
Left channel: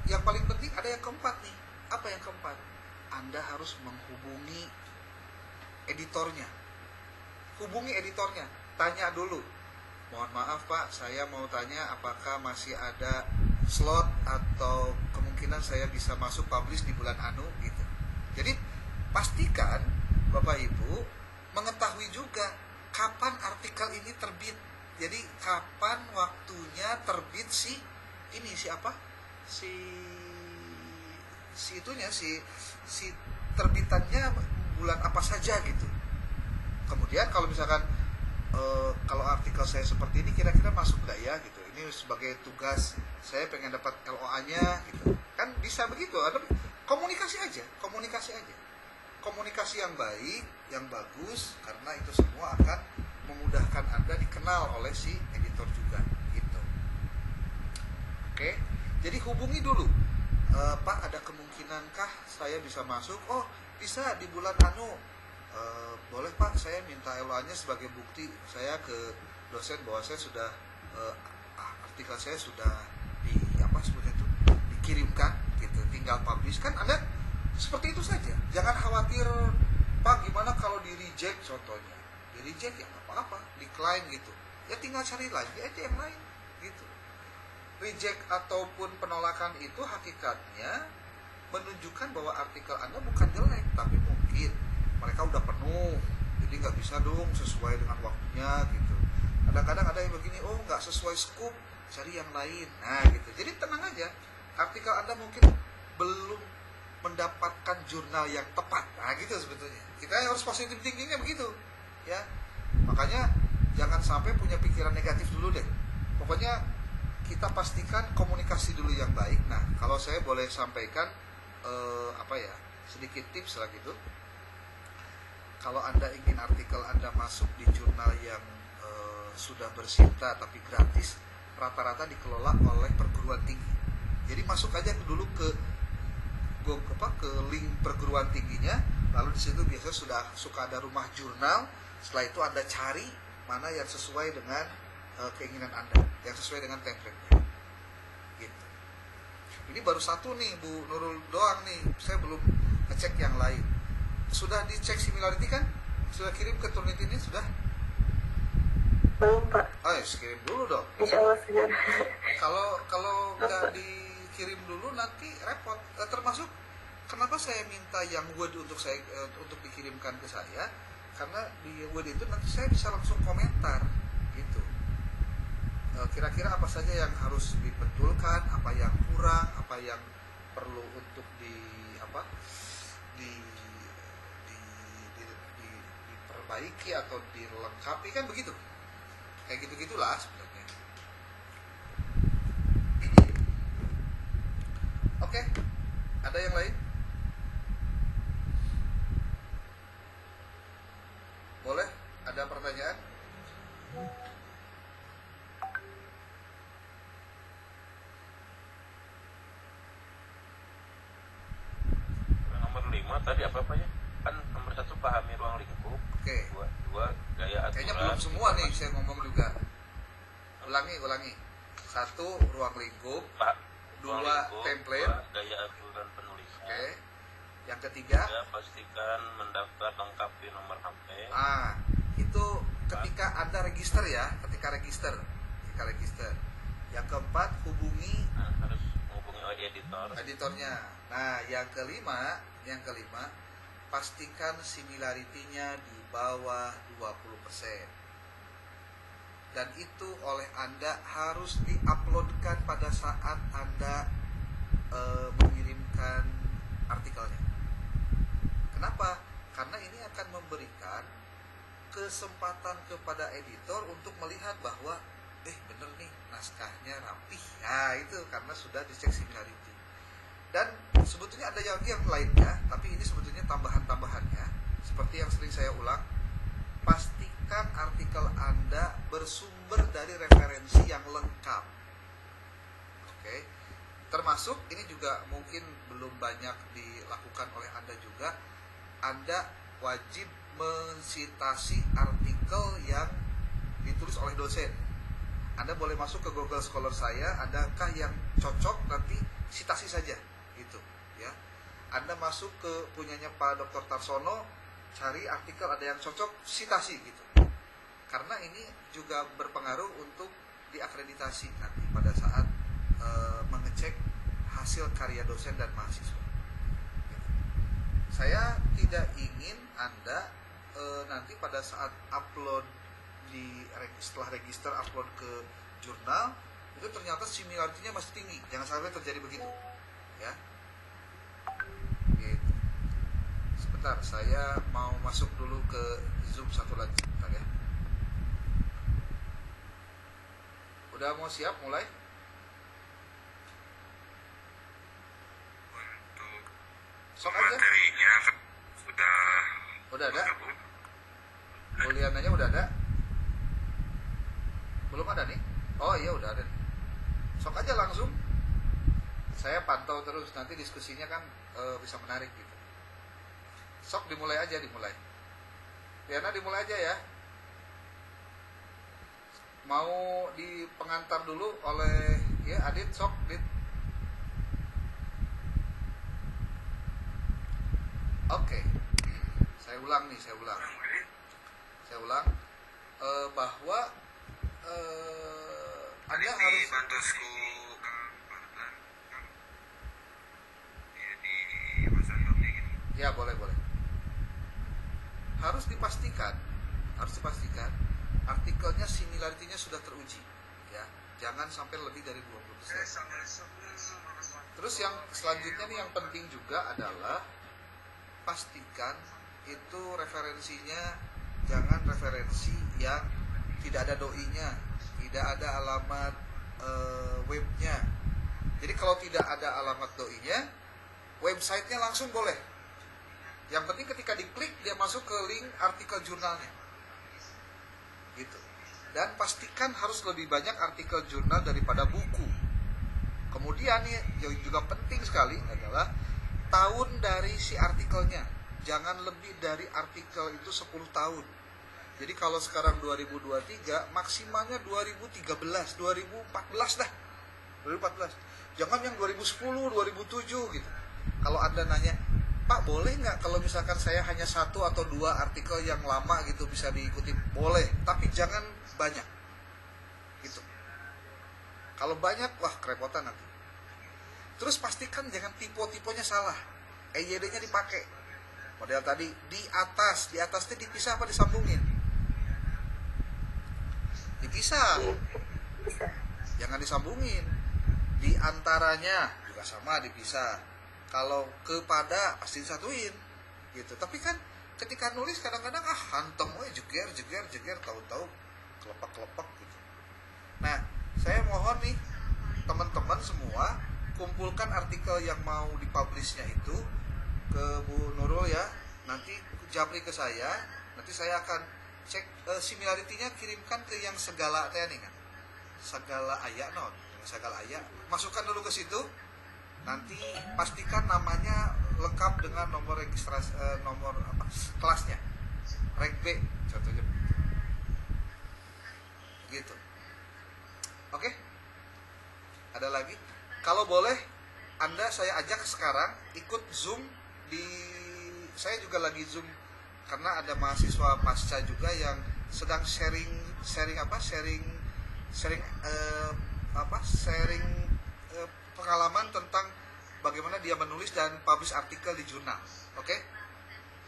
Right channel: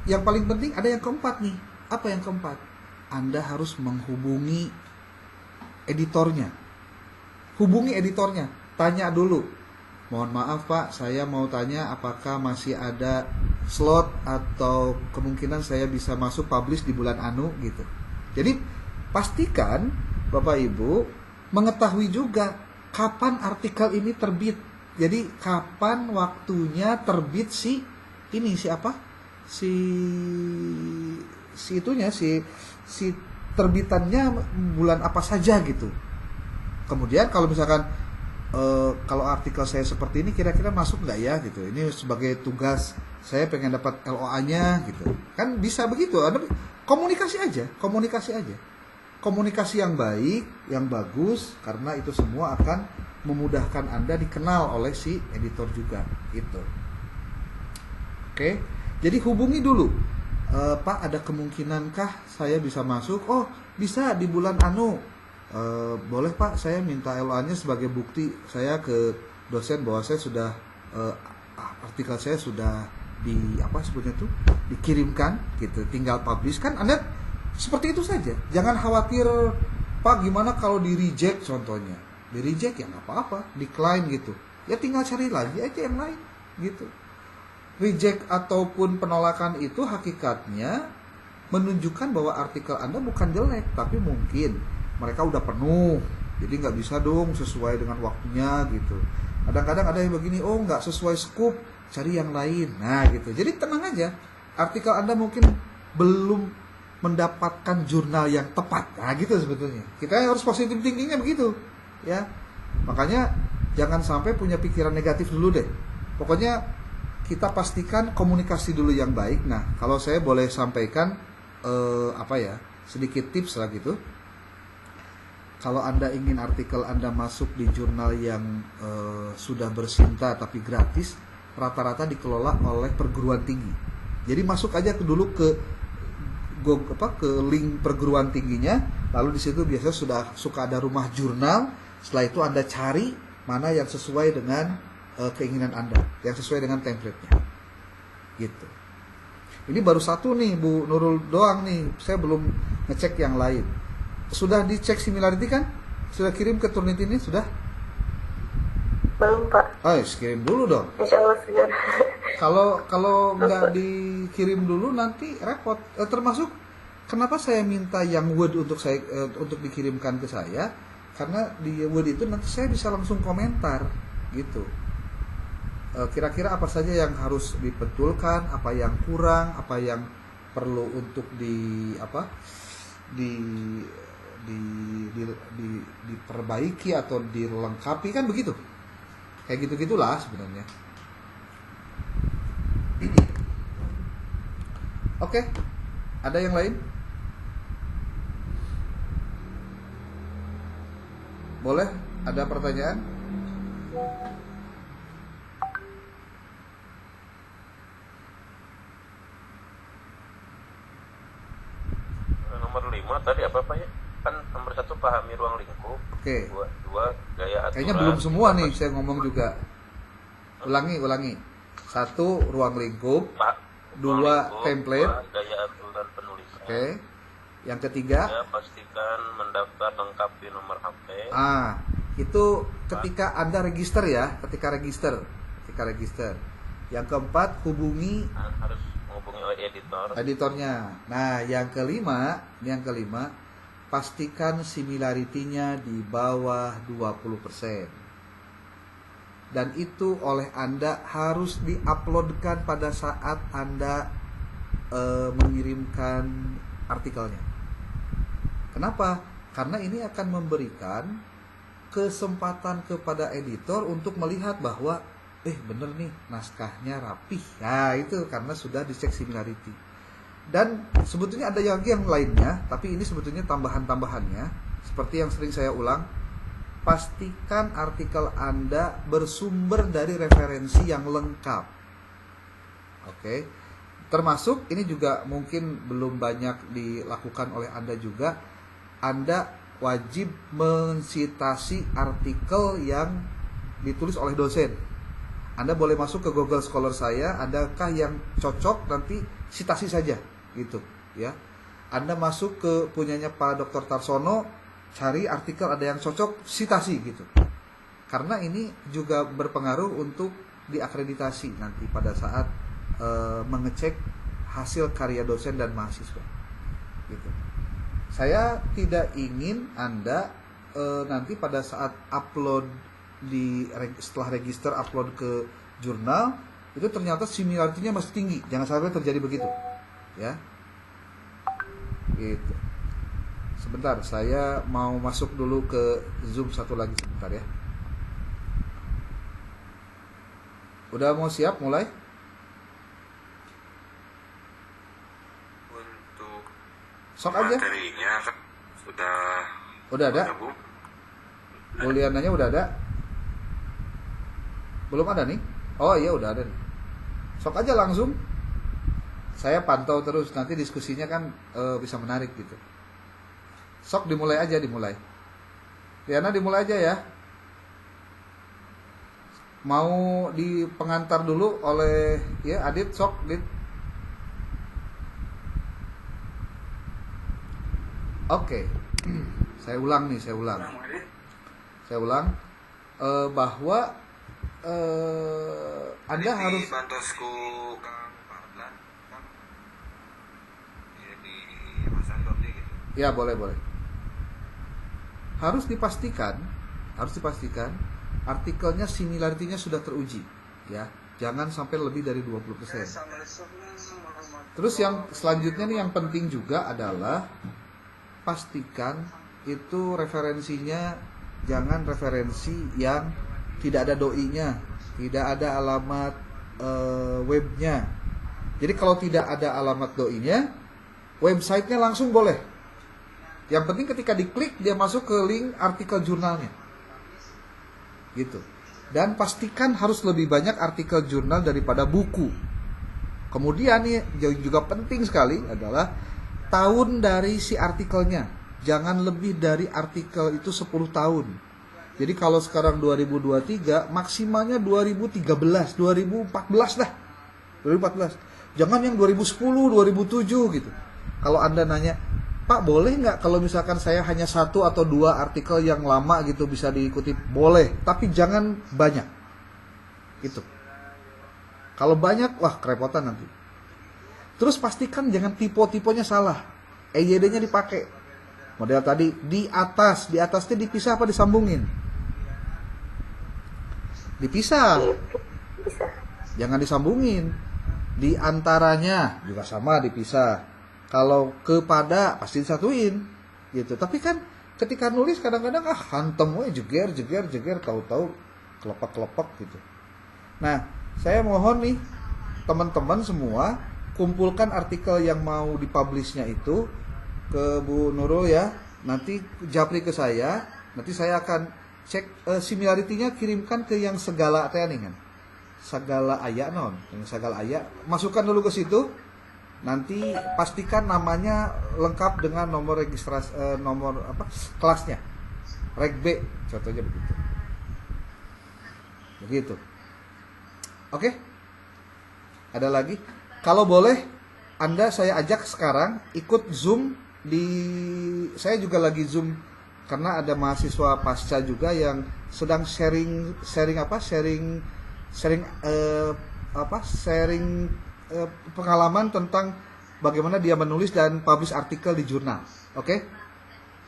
yang paling penting ada yang keempat nih. Apa yang keempat? Anda harus menghubungi editornya. Hubungi editornya, tanya dulu, mohon maaf Pak, saya mau tanya apakah masih ada slot atau kemungkinan saya bisa masuk publish di bulan anu gitu. Jadi pastikan Bapak Ibu mengetahui juga kapan artikel ini terbit. Jadi kapan waktunya terbit si terbitannya bulan apa saja gitu. Kemudian kalau misalkan kalau artikel saya seperti ini kira-kira masuk nggak ya gitu. Ini sebagai tugas saya pengen dapat LOA-nya gitu. Kan bisa begitu. Anda komunikasi aja. Komunikasi yang baik, yang bagus, karena itu semua akan memudahkan Anda dikenal oleh si editor juga gitu. Oke, jadi hubungi dulu, Pak ada kemungkinankah saya bisa masuk? Oh bisa di bulan anu, boleh Pak, saya minta LOA-nya sebagai bukti saya ke dosen bahwa saya sudah artikel saya sudah dikirimkan gitu, tinggal publish. Kan Anda seperti itu saja. Jangan khawatir, Pak gimana kalau di reject contohnya. Di reject ya nggak apa-apa, decline gitu. Ya tinggal cari lagi aja yang lain gitu. Reject ataupun penolakan itu hakikatnya menunjukkan bahwa artikel Anda bukan jelek, tapi mungkin mereka udah penuh. Jadi nggak bisa dong sesuai dengan waktunya gitu. Kadang-kadang ada yang begini, oh nggak sesuai scoop, cari yang lain. Nah gitu. Jadi tenang aja. Artikel Anda mungkin belum mendapatkan jurnal yang tepat. Nah gitu sebetulnya. Kita harus positive thinkingnya begitu ya. Makanya jangan sampai punya pikiran negatif dulu deh. Pokoknya kita pastikan komunikasi dulu yang baik. Nah kalau saya boleh sampaikan sedikit tips lah gitu. Kalau Anda ingin artikel Anda masuk di jurnal yang sudah bersinta tapi gratis, rata-rata dikelola oleh perguruan tinggi. Jadi masuk aja dulu ke link perguruan tingginya, lalu di situ biasanya sudah suka ada rumah jurnal. Setelah itu Anda cari mana yang sesuai dengan keinginan Anda, yang sesuai dengan template-nya. Gitu. Ini baru satu nih Bu Nurul doang nih, saya belum ngecek yang lain. Sudah dicek similarity kan? Sudah kirim ke Turnitin ini sudah? Belum Pak. Kirim dulu dong. Insya Allah sudah. Kalau nggak dikirim dulu nanti repot. Termasuk Kenapa saya minta yang Word untuk dikirimkan ke saya? Karena di Word itu nanti saya bisa langsung komentar gitu. Kira-kira apa saja yang harus dibetulkan, apa yang kurang, apa yang perlu untuk diperbaiki atau dilengkapi, kan begitu. Kayak gitu-gitulah sebenarnya. Oke, ada yang lain? Boleh? Ada pertanyaan? Nomor 5 tadi apa ya? Kan nomor 1 pahami ruang lingkup. Oke. Dua gaya aturan. Kayaknya belum semua nih saya ngomong juga. Ulangi. 1 ruang lingkup. 2 template. 2 gaya aturan penulisan. Oke. Yang ketiga, ya, pastikan mendaftar lengkapi nomor HP. Itu ketika Anda register ya, ketika register. Yang keempat, hubungi Harus menghubungi editornya. Nah, yang kelima, pastikan similarity-nya di bawah 20%. Dan itu oleh Anda harus diuploadkan pada saat Anda mengirimkan artikelnya. Kenapa? Karena ini akan memberikan kesempatan kepada editor untuk melihat bahwa bener nih naskahnya rapih. Nah, itu karena sudah dicek similarity. Dan sebetulnya ada yang lainnya, tapi ini sebetulnya tambahan-tambahannya. Seperti yang sering saya ulang, pastikan artikel Anda bersumber dari referensi yang lengkap. Oke. Termasuk ini juga mungkin belum banyak dilakukan oleh Anda juga. Anda wajib mensitasi artikel yang ditulis oleh dosen. Anda boleh masuk ke Google Scholar saya, adakah yang cocok, nanti sitasi saja gitu ya. Anda masuk ke punyanya Pak Dr. Tarsono, cari artikel ada yang cocok, sitasi gitu. Karena ini juga berpengaruh untuk diakreditasi nanti pada saat mengecek hasil karya dosen dan mahasiswa gitu. Saya tidak ingin Anda nanti pada saat upload setelah register upload ke jurnal itu ternyata similarity-nya masih tinggi. Jangan sampai terjadi begitu ya. Gitu. Sebentar, saya mau masuk dulu ke Zoom satu lagi sebentar ya. Udah mau siap mulai? Untuk Sok aja. materinya Udah ada? Buliananya udah ada? Belum ada nih? Oh iya udah ada nih. Sok aja langsung. Saya pantau terus, nanti diskusinya kan bisa menarik gitu. Sok dimulai aja. Liana dimulai aja ya. Mau di pengantar dulu oleh ya Adit, sok Dit. Oke. Saya ulang bahwa Anda harus bantosku Kang Fardan Kang ya di WhatsApp gitu. ya boleh. Harus dipastikan artikelnya similarity-nya sudah teruji ya. Jangan sampai lebih dari 20%. Terus yang selanjutnya nih yang penting juga adalah pastikan itu referensinya jangan referensi yang tidak ada doi-nya, tidak ada alamat webnya. Jadi kalau tidak ada alamat doi-nya, websitenya langsung boleh. Yang penting ketika diklik dia masuk ke link artikel jurnalnya. Gitu. Dan pastikan harus lebih banyak artikel jurnal daripada buku. Kemudian nih juga penting sekali adalah tahun dari si artikelnya. Jangan lebih dari artikel itu 10 tahun. Jadi kalau sekarang 2023 maksimalnya 2013, 2014 dah. 2014. Jangan yang 2010, 2007 gitu. Kalau Anda nanya, "Pak, boleh nggak kalau misalkan saya hanya 1 atau 2 artikel yang lama gitu bisa diikuti?" Boleh, tapi jangan banyak. Itu. Kalau banyak, wah kerepotan nanti. Terus pastikan jangan tipe-tipenya salah. EYD-nya dipakai. Model tadi di atasnya dipisah apa disambungin? Dipisah. Bisa. Jangan disambungin. Di antaranya juga sama dipisah. Kalau kepada pasti disatuin gitu. Tapi kan ketika nulis kadang-kadang hantem we jeger tahu-tahu kelopak-kelopak gitu. Nah, saya mohon nih teman-teman semua kumpulkan artikel yang mau dipublishnya itu ke Bu Nurul ya. Nanti japri ke saya. Nanti saya akan cek similarity-nya, kirimkan ke yang segala kan. Segala aya non, yang segala aya. Masukkan dulu ke situ. Nanti pastikan namanya lengkap dengan nomor registrasi nomor kelasnya. Reg B contohnya begitu. Begitu. Oke? Ada lagi? Kalau boleh Anda saya ajak sekarang ikut Zoom saya juga lagi Zoom karena ada mahasiswa pasca juga yang sedang sharing pengalaman tentang bagaimana dia menulis dan publish artikel di jurnal. Oke?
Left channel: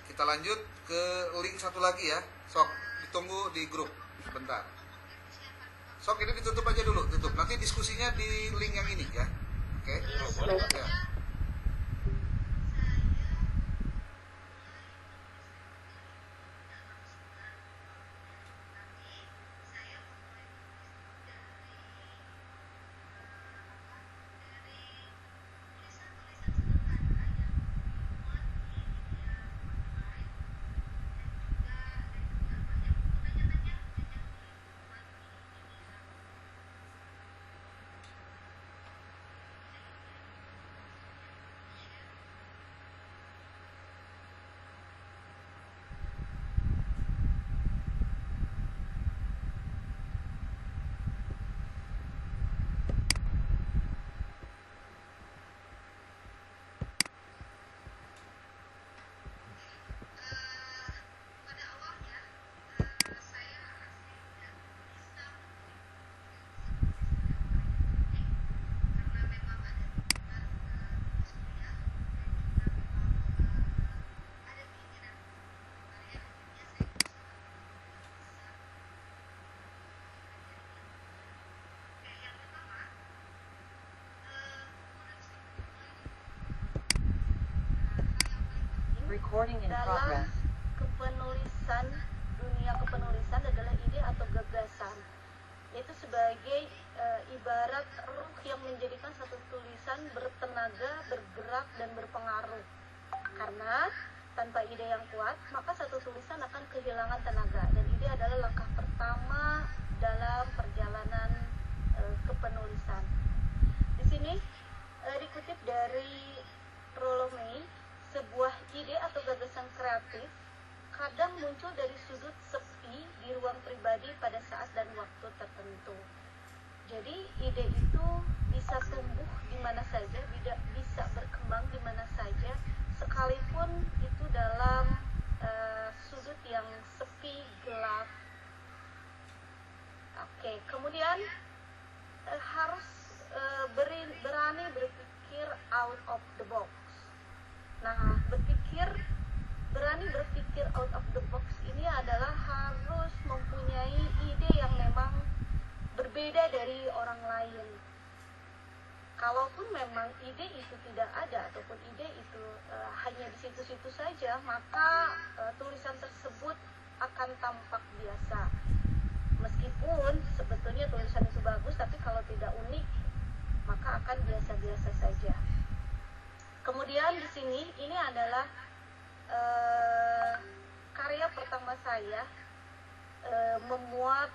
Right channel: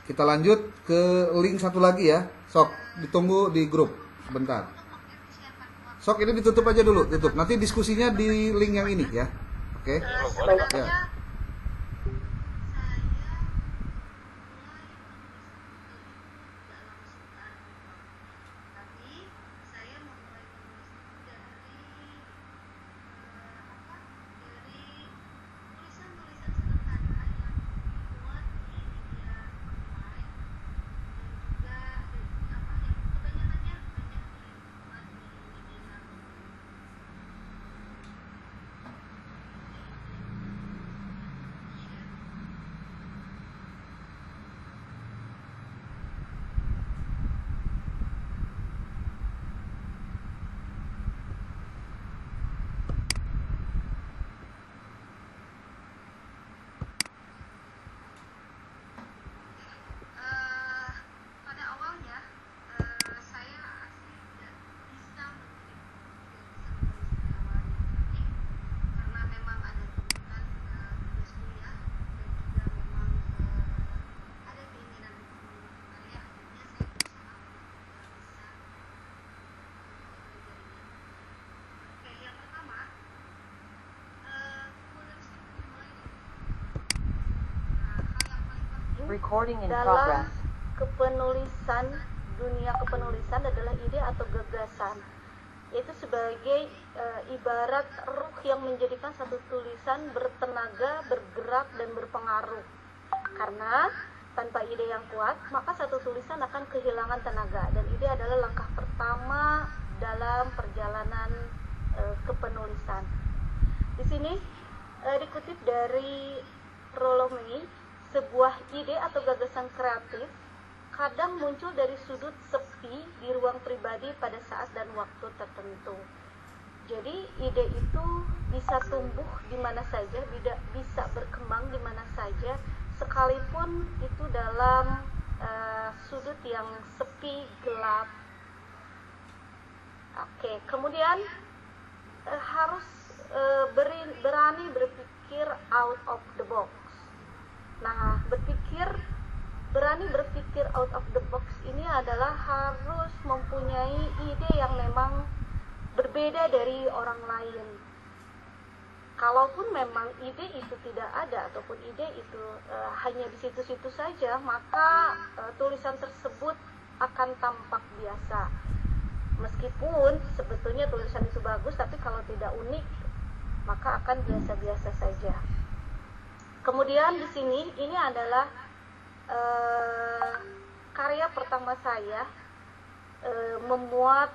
Kita lanjut ke link satu lagi ya. Sok, ditunggu di grup sebentar. Sok, ini ditutup aja dulu, tutup. Nanti diskusinya di link yang ini ya. Oke? Ya. Recording in Dalam progress. kepenulisan, dunia kepenulisan adalah ide atau gagasan. Itu sebagai ibarat ruh yang menjadikan satu tulisan bertenaga, bergerak, dan berpengaruh. Karena tanpa ide yang kuat, maka satu tulisan akan kehilangan tenaga. Dan ide adalah langkah pertama dalam perjalanan kepenulisan. Di sini dikutip dari Rollo May, sebuah ide atau gagasan kreatif kadang muncul dari sudut sepi di ruang pribadi pada saat dan waktu tertentu. Jadi ide itu bisa tumbuh di mana saja, bisa berkembang di mana saja, sekalipun itu dalam sudut yang sepi, gelap. Oke, kemudian harus berani berpikir out of the box. Nah, berani berpikir out of the box ini adalah harus mempunyai ide yang memang berbeda dari orang lain. Kalaupun memang ide itu tidak ada ataupun ide itu hanya di situ-situ saja, maka tulisan tersebut akan tampak biasa. Meskipun sebetulnya tulisan itu bagus, tapi kalau tidak unik, maka akan biasa-biasa saja. Kemudian di sini ini adalah karya pertama saya, memuat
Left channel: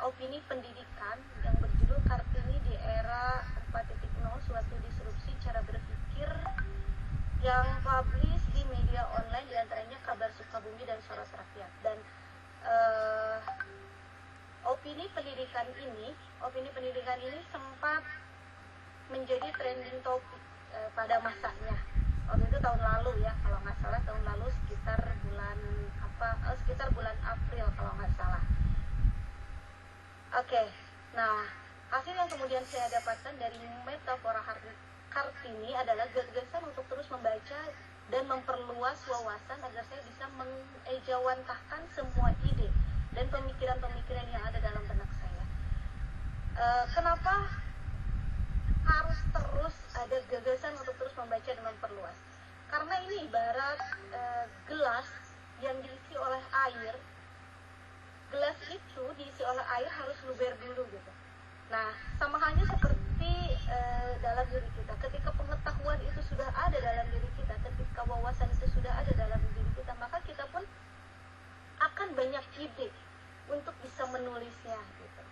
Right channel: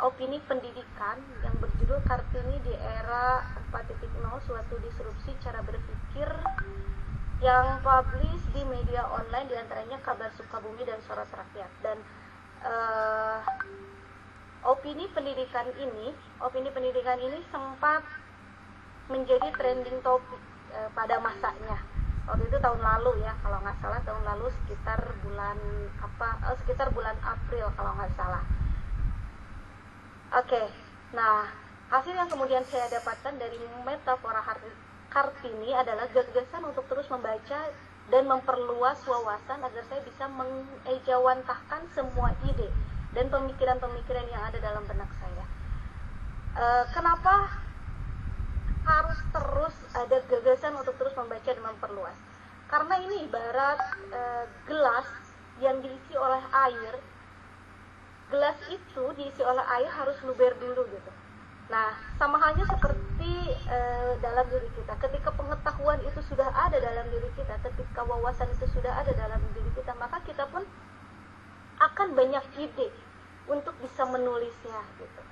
opini pendidikan yang berjudul Kartini di Era 4.0, suatu disrupsi cara berpikir, yang publish di media online, diantaranya Kabar Sukabumi dan Soros Rakyat. Dan opini pendidikan ini sempat menjadi trending topik pada masanya. Waktu itu tahun lalu ya, kalau nggak salah tahun lalu sekitar bulan April kalau nggak salah. Oke, nah hasil yang kemudian saya dapatkan dari metafora Kartini ini adalah gagasan untuk terus membaca dan memperluas wawasan agar saya bisa mengejawantahkan semua ide dan pemikiran-pemikiran yang ada dalam benak saya. Kenapa harus terus ada gagasan untuk terus membaca dan memperluas? Karena ini ibarat gelas yang diisi oleh air. Gelas itu diisi oleh air harus luber dulu gitu. Nah, sama halnya seperti dalam diri kita. Ketika pengetahuan itu sudah ada dalam diri kita, ketika wawasan itu sudah ada dalam diri kita, maka kita pun akan banyak ide untuk bisa menulisnya gitu.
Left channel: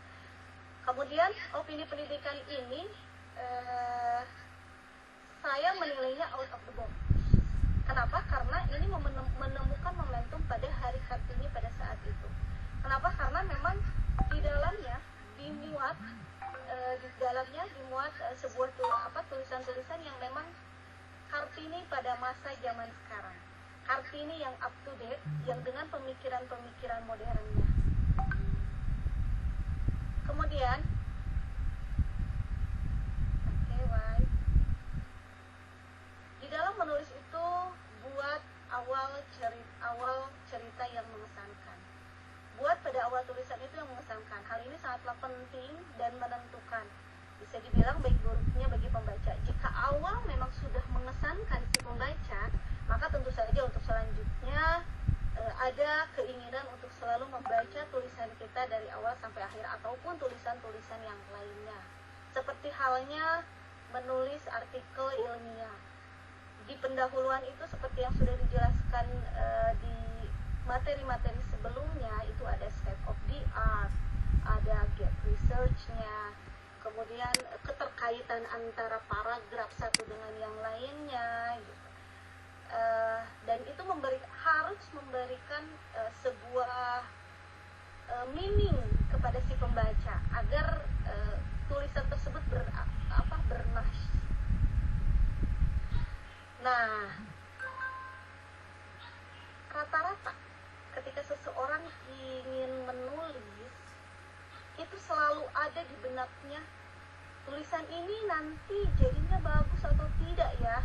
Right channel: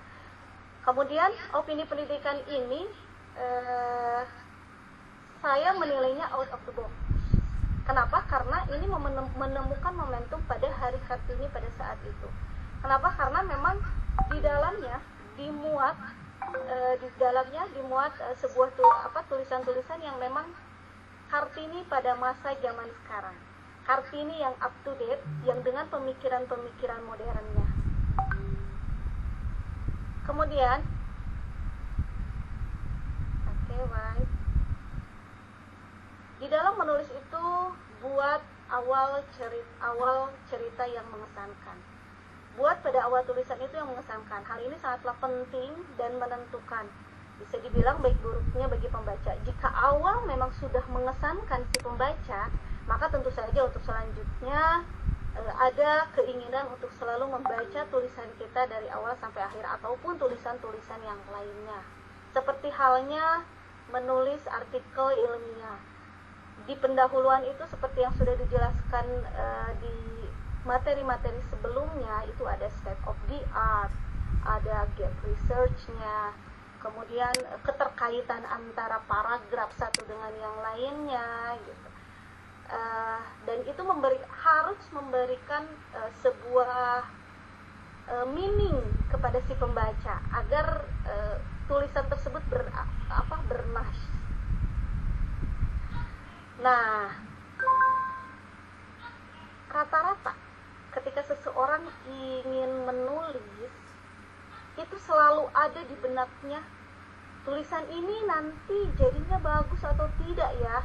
Kemudian opini pendidikan ini saya menilainya out of the box. Kenapa? Karena ini menemukan momentum pada hari Kartini pada saat itu. Kenapa? Karena memang di dalamnya dimuat sebuah tulisan-tulisan yang memang Kartini pada masa zaman sekarang. Kartini yang up to date, yang dengan pemikiran-pemikiran modernnya. Kemudian, di dalam menulis itu buat awal cerita yang mengesankan. Buat pada awal tulisan itu yang mengesankan. Hal ini sangatlah penting dan menentukan. Bisa dibilang baik buruknya bagi pembaca. Jika awal memang sudah mengesankan si pembaca, maka tentu saja untuk selanjutnya ada keinginan untuk selalu membaca tulisan kita dari awal sampai akhir ataupun tulisan-tulisan yang lainnya. Seperti halnya menulis artikel ilmiah. Di pendahuluan itu seperti yang sudah dijelaskan di materi-materi sebelumnya, itu ada state of the art, ada gap research-nya, kemudian keterkaitan antara paragraf satu dengan yang lainnya gitu. Dan itu harus memberikan sebuah meaning kepada si pembaca agar tulisan tersebut bernas. Nah, rata-rata ketika seseorang ingin menulis, itu selalu ada di benaknya, tulisan ini nanti jadinya bagus atau tidak ya?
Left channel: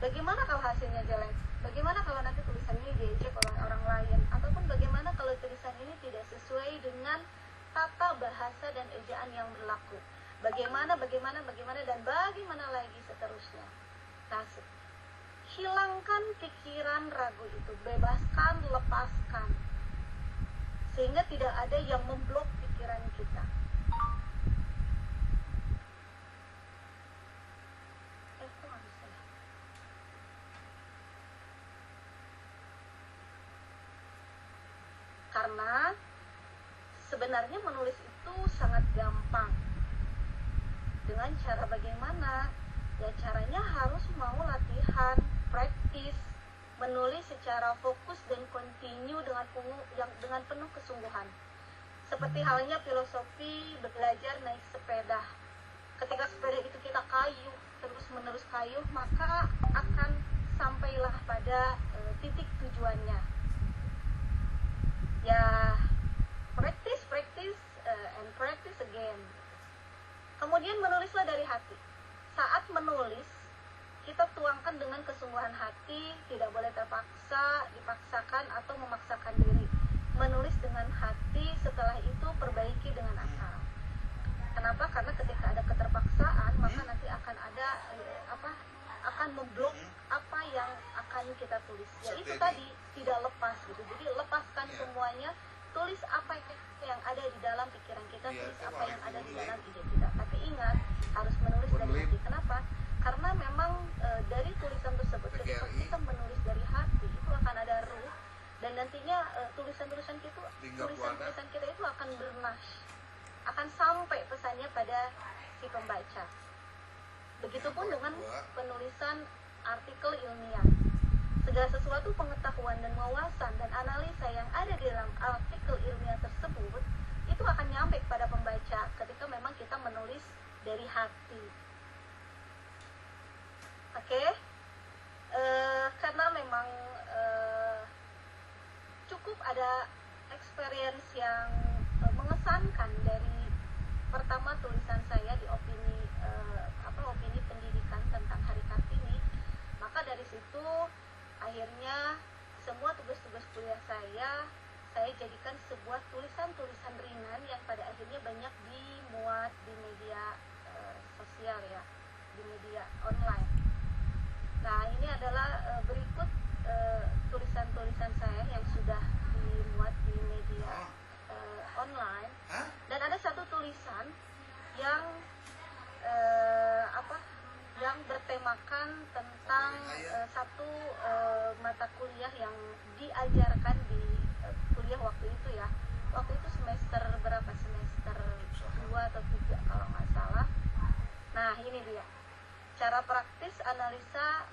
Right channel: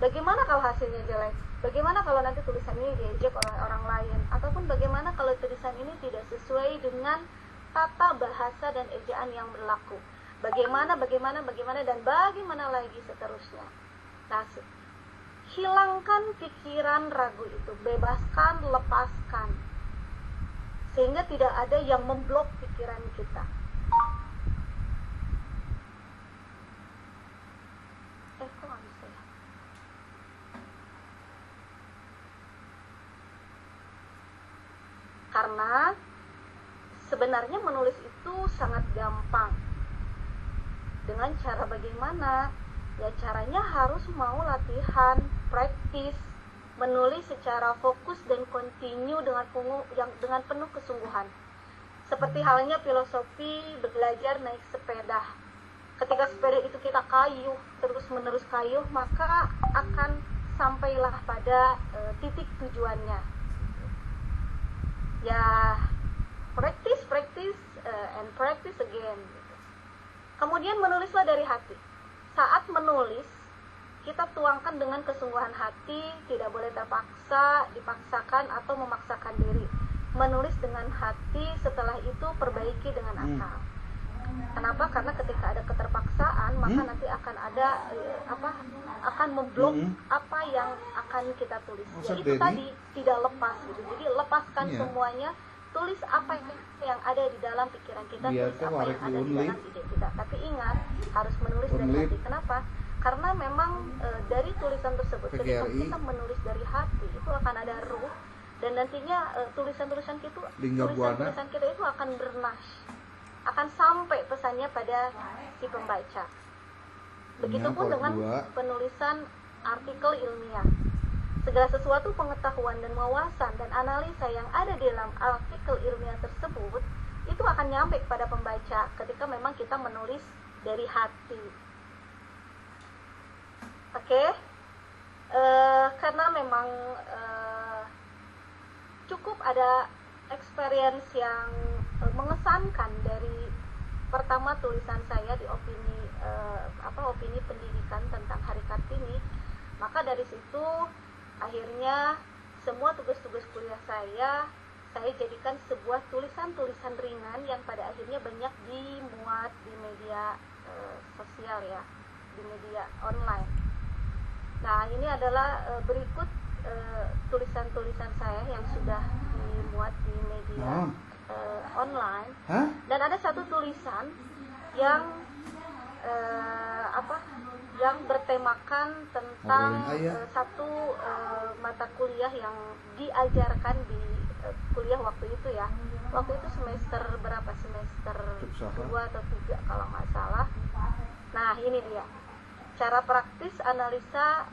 Bagaimana kalau hasilnya jelek? Bagaimana kalau nanti tulisan ini diejek oleh orang lain? Ataupun bagaimana kalau tulisan ini tidak sesuai dengan tata bahasa dan ejaan yang berlaku? Bagaimana dan bagaimana lagi seterusnya. Nah, hilangkan pikiran ragu itu, bebaskan, lepaskan, sehingga tidak ada yang memblok pikiran kita. Karena sebenarnya menulis itu sangat gampang. Dengan cara bagaimana? Ya caranya harus mau latihan, praktis, menulis secara fokus dan kontinu dengan penuh kesungguhan. Seperti halnya filosofi belajar naik sepeda. Ketika sepeda itu kita kayuh, terus-menerus kayuh, maka akan sampailah pada titik tujuannya. Ya, practice and practice again. Kemudian menulislah dari hati. Saat menulis, kita tuangkan dengan kesungguhan hati, tidak boleh terpaksa, dipaksakan atau memaksakan diri. Menulis dengan hati, setelah itu perbaiki dengan akal. Kenapa? Karena ketika ada keterpaksaan, maka nanti akan ada akan memblok apa yang akan kita tulis. Ya, itu tadi tidak lepas gitu. Jadi lepaskan semuanya, tulis apa yang ada di dalam pikiran kita, tulis apa yang ada di dalam ide kita. Tapi ingat, harus menulis dari hati. Kenapa? Karena memang dari tulisan tersebut, ketika kita menulis dari hati, itu akan ada ruh, dan nantinya tulisan-tulisan kita itu akan bernas, akan sampai pesannya pada si pembaca. Begitupun dengan penulisan artikel ilmiah. Segala sesuatu pengetahuan dan wawasan dan analisa yang ada di dalam artikel ilmiah tersebut itu akan nyampe kepada pembaca ketika memang kita menulis dari hati. Oke? Karena memang cukup ada experience yang mengesankan dari pertama tulisan saya di opini opini pendidikan tentang Hari Kartini, maka dari situ akhirnya semua tugas-tugas kuliah saya jadikan sebuah tulisan-tulisan ringan yang pada akhirnya banyak dimuat di media sosial ya, di media online. Nah, ini adalah berikut tulisan-tulisan saya yang sudah dimuat di media online. Dan ada satu tulisan yang yang bertemakan tentang satu mata kuliah yang diajarkan di kuliah waktu itu ya. Waktu itu semester berapa? Semester 2 atau 3 kalau nggak salah. Nah, ini dia. Cara praktis analisa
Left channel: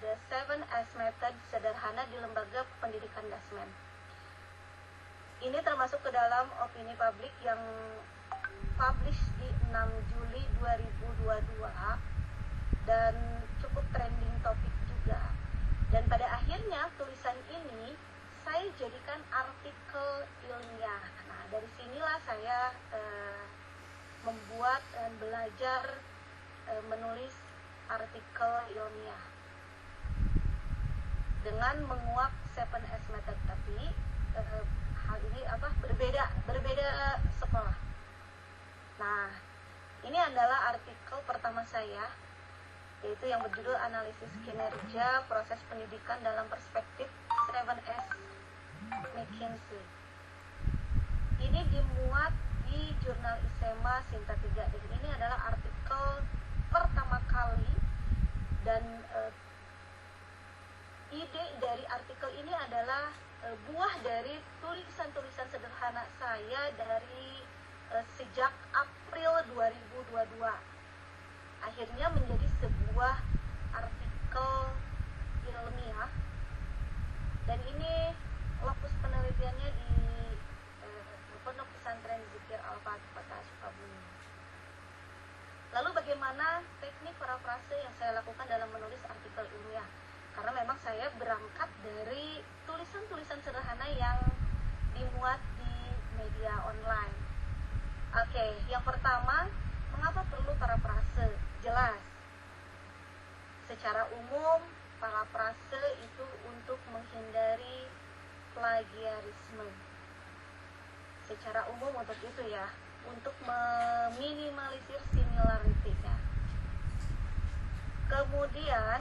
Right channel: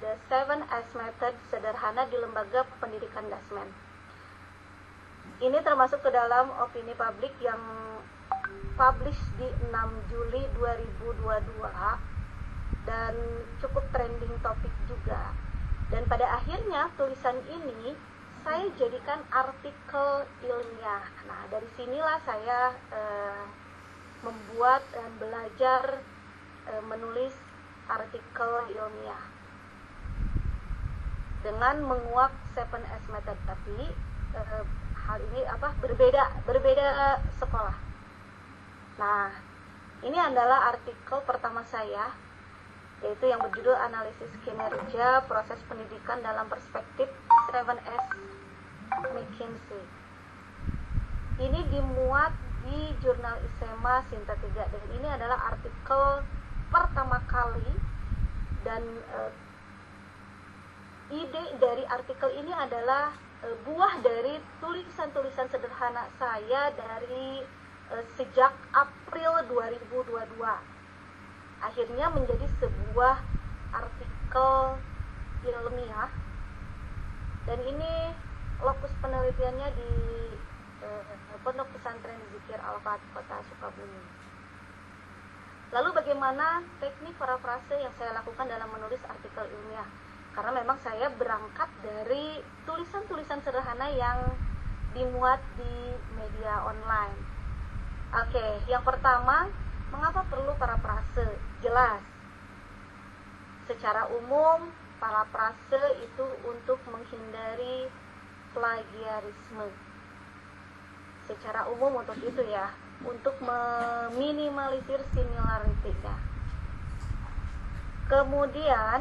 the 7S method sederhana di lembaga pendidikan Dasmen. Ini termasuk ke dalam opini publik yang publish di 6 Juli 2022 dan cukup trending topik juga. Dan pada akhirnya tulisan ini saya jadikan artikel ilmiah. Nah, dari sinilah saya membuat dan belajar menulis artikel ilmiah dengan menguak 7S method, tapi hal ini berbeda sekolah. Nah, ini adalah artikel pertama saya, yaitu yang berjudul Analisis Kinerja Proses Pendidikan dalam Perspektif 7S McKinsey. Ini dimuat di jurnal ISEMA Sinta 3, dan ini adalah artikel pertama kali, dan ide dari artikel ini adalah buah dari tulisan-tulisan sederhana saya dari sejak April 2022. Akhirnya menjadi sebuah artikel ilmiah, dan ini lokus penelitiannya di Pondok Pesantren Zikir Al-Fatih Kota Sukabumi. Lalu bagaimana teknik parafrase yang saya lakukan dalam menulis artikel ilmiah? Karena memang saya berangkat dari tulisan-tulisan sederhana yang dimuat di media online. Oke, yang pertama, mengapa perlu parafrase? Jelas. Secara umum, parafrase itu untuk menghindari plagiarisme. Secara umum untuk itu ya, untuk meminimalisir similarity-nya. Kemudian,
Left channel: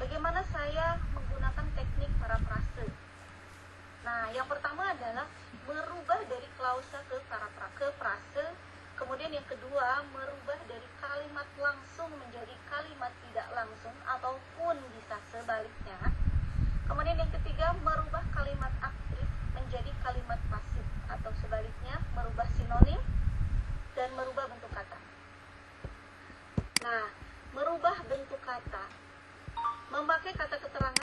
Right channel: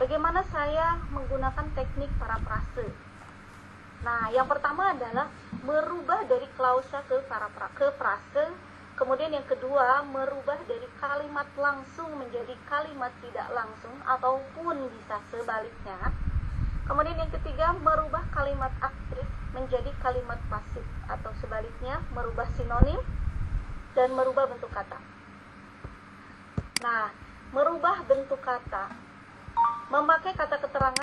bagaimana saya menggunakan teknik parafrase? Nah, yang pertama adalah merubah dari klausa ke frase. Kemudian yang kedua, merubah dari kalimat langsung menjadi kalimat tidak langsung ataupun bisa sebaliknya. Kemudian yang ketiga, merubah kalimat aktif menjadi kalimat pasif atau sebaliknya, merubah sinonim dan merubah bentuk kata. Nah, merubah bentuk kata, memakai kata keterangan